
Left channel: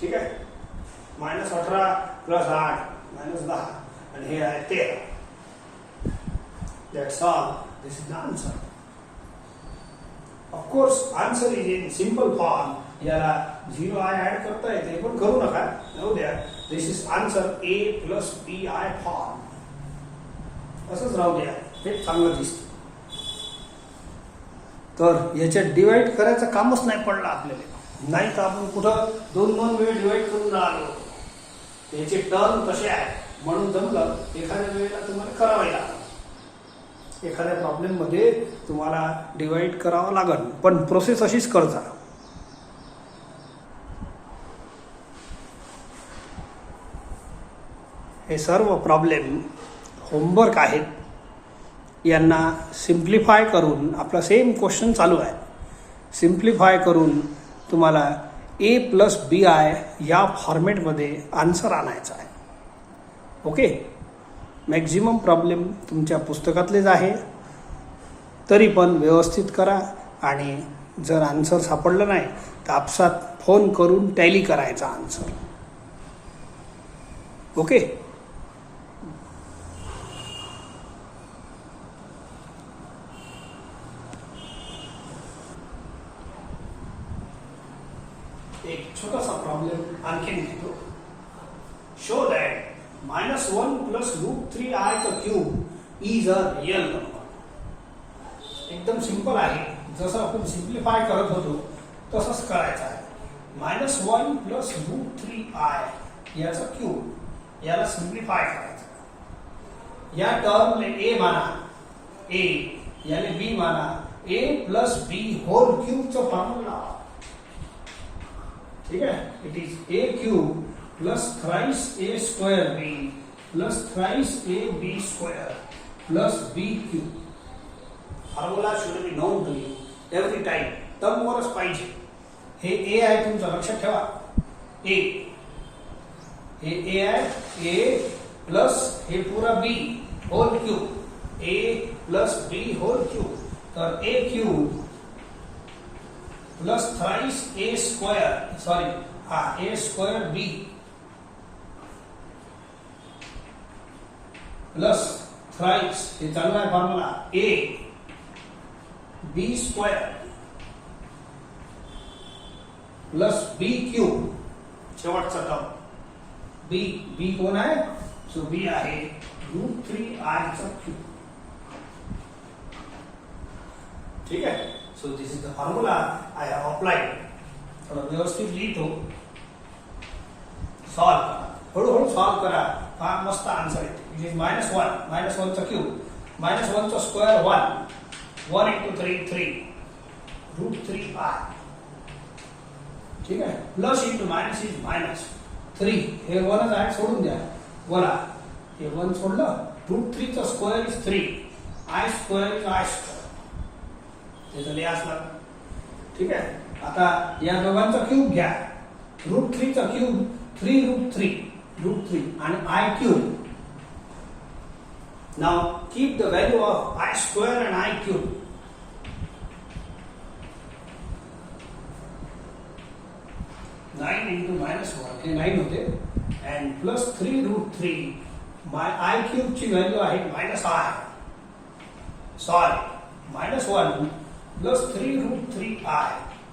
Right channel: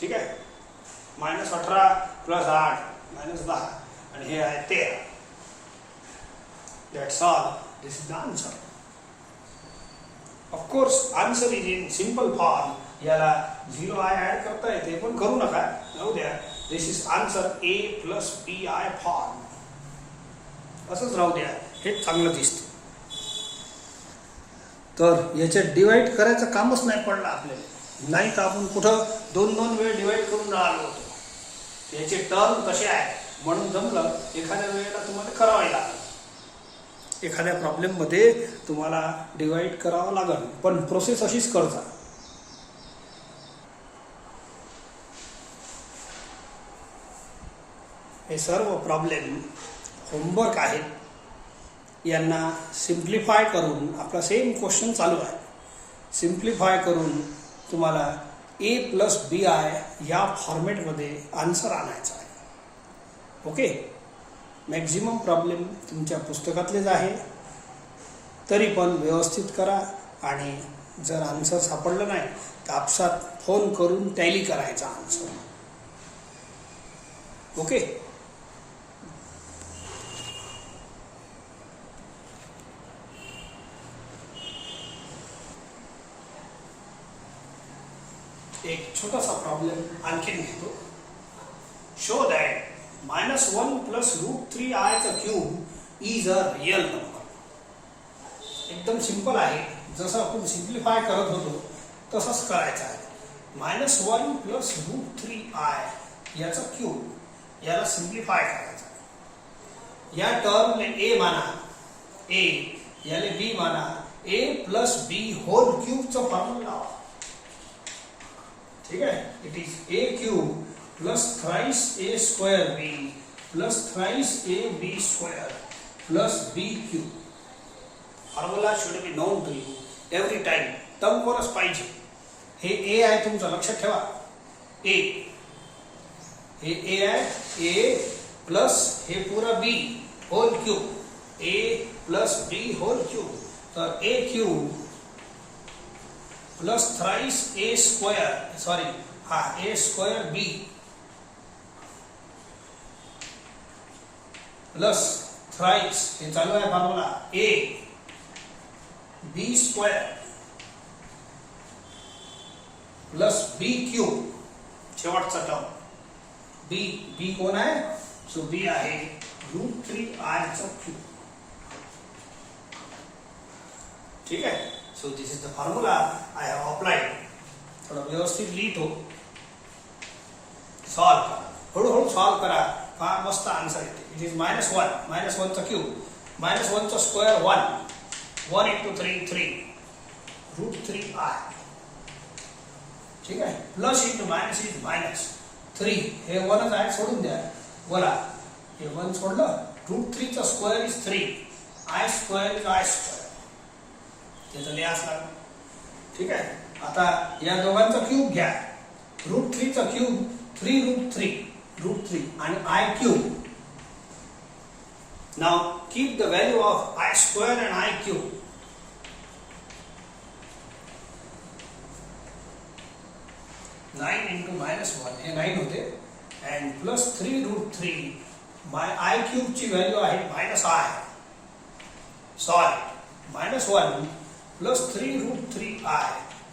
ठीक आहे. मायनस 18 प्लस 8 मायनस 10 आणि हे आहे 13. That's all. This is the answer. Of course, answer is in simple form. याला 0i ऍड करता येते पण करू नका. जाऊ द्या. This is answer a plus bi form. असंच राहू द्या. हे चांगलं दिसतं. तर याचे डिवाइड करायचं कामच नाही पडलं आपल्याला. नाही तर आपण कुठं दोन दोन वेळ डिवाइड करून राहिलो होतो. याचे टर्म कसे आहे म्हणून जमलं. एखाद्या वेळेला तुम्हाला करावे लागेल. एखाद्या प्रॉब्लेम मध्ये तुम्हाला डिवाइड करावं लागेल पण प्रोसेस अशीच करता. हे सर्व प्रॉब्लेम होमवर्क आहेत. यांना सिम्प्लिफाय करून आपला सेम क्वेश्चन चालू आहे. सिम्प्लिफाय करून तुम्हाला a प्लस bi या फॉर्मॅटमध्ये आन्सर आणायचा आहे. ओके. मॅक्झिमम प्रॉब्लेम तुमच्या पुस्तकातलेच आहे. तरी पण व्यवस्थित करा आणि जर आन्सर सापडलं नाही तर आपसात फोन करून टॅली करायचा आन्सर. ओके. एक छोटासा प्रॉब्लेम आणखीन घेतो. शो दॅट -1 plus √3i चा cube is a real number. एकदम सिंपल आहे. जसं आपण सिम्प्लिफाय करत होतो तसंच करायचं आहे. -1 प्लस √3i याचा क्यूब याला सिम्प्लिफाय करायचं. या टर्मने a माना, a याले b माना, a प्लस b होल क्यूबचा फॉर्म्युला लावा. ठीक आहे. It is a cube plus thrice a square b plus thrice a b square plus b cube. Formula should be known to you every time. टर्मवरच पाहिजे. हे a आहे तुमचं, लक्षात ठेवा. a हे a आहे, a प्लस हे पूरा b whole cube, a plus b whole cube. तर a cube plus thrice a square, sorry हाँ a square b plus thrice, हे चालू आहे formula, a b square plus b cube. शेवटचा टर्म b कोण आहे? सो b आहे √3i चा क्यूब. ठीक आहे. So this is the formula I have applied. थोडं व्यवस्थित लिहितो. सॉल्व करा, हळूहळू सॉल्व करा. हा मस्त आन्सर येते. इट इज -1 चा क्यूब, -1 चा स्क्वेअर 1 into 3 3 √3i. ठीक आहे. Plus into minus is minus 3. हे 1च आहे, सोडून द्या. बोला हे 1 सोडलं. √3 चा square is 3, i square is i square. त्याचं लिहाच लागलं. ठीक आहे. आता या दोघांचा क्यूब घ्या. √3 चा क्यूब 3√3 आणि i cube. Now keep the value of i square and i cube. -1 हे 9 होते and प्लस 3√3 i क्यूब ची व्हॅल्यू आहे -i. सॉरी -1 प्लस 3√3i,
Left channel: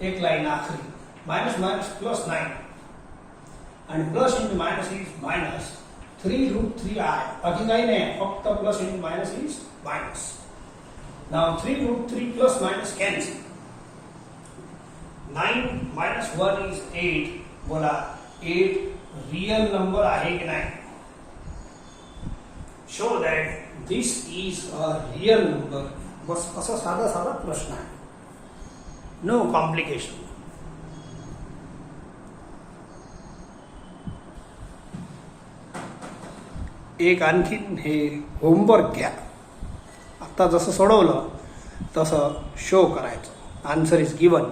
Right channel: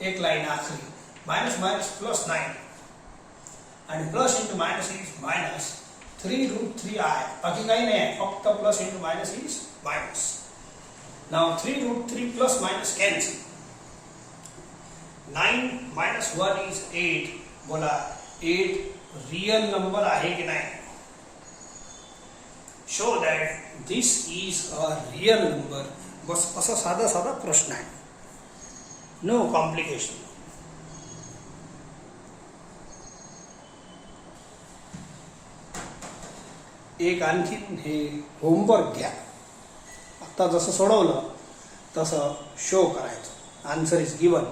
एक लाईन आखरी, मायनस प्लस 9 आणि plus into minus is minus 3√3i. बाकी काही नाही, फक्त plus into minus is minus. Now 3√3 plus minus cancel. 9 minus 1 is 8. बोला 8 रियल नंबर आहे की नाही? Show that this is a real number. बस असा साधा प्रश्न आहे. No complication. एक आणखीन हे होमवर्क घ्या. आता जसं सोडवलं तसं शो करायचं. Answer is given.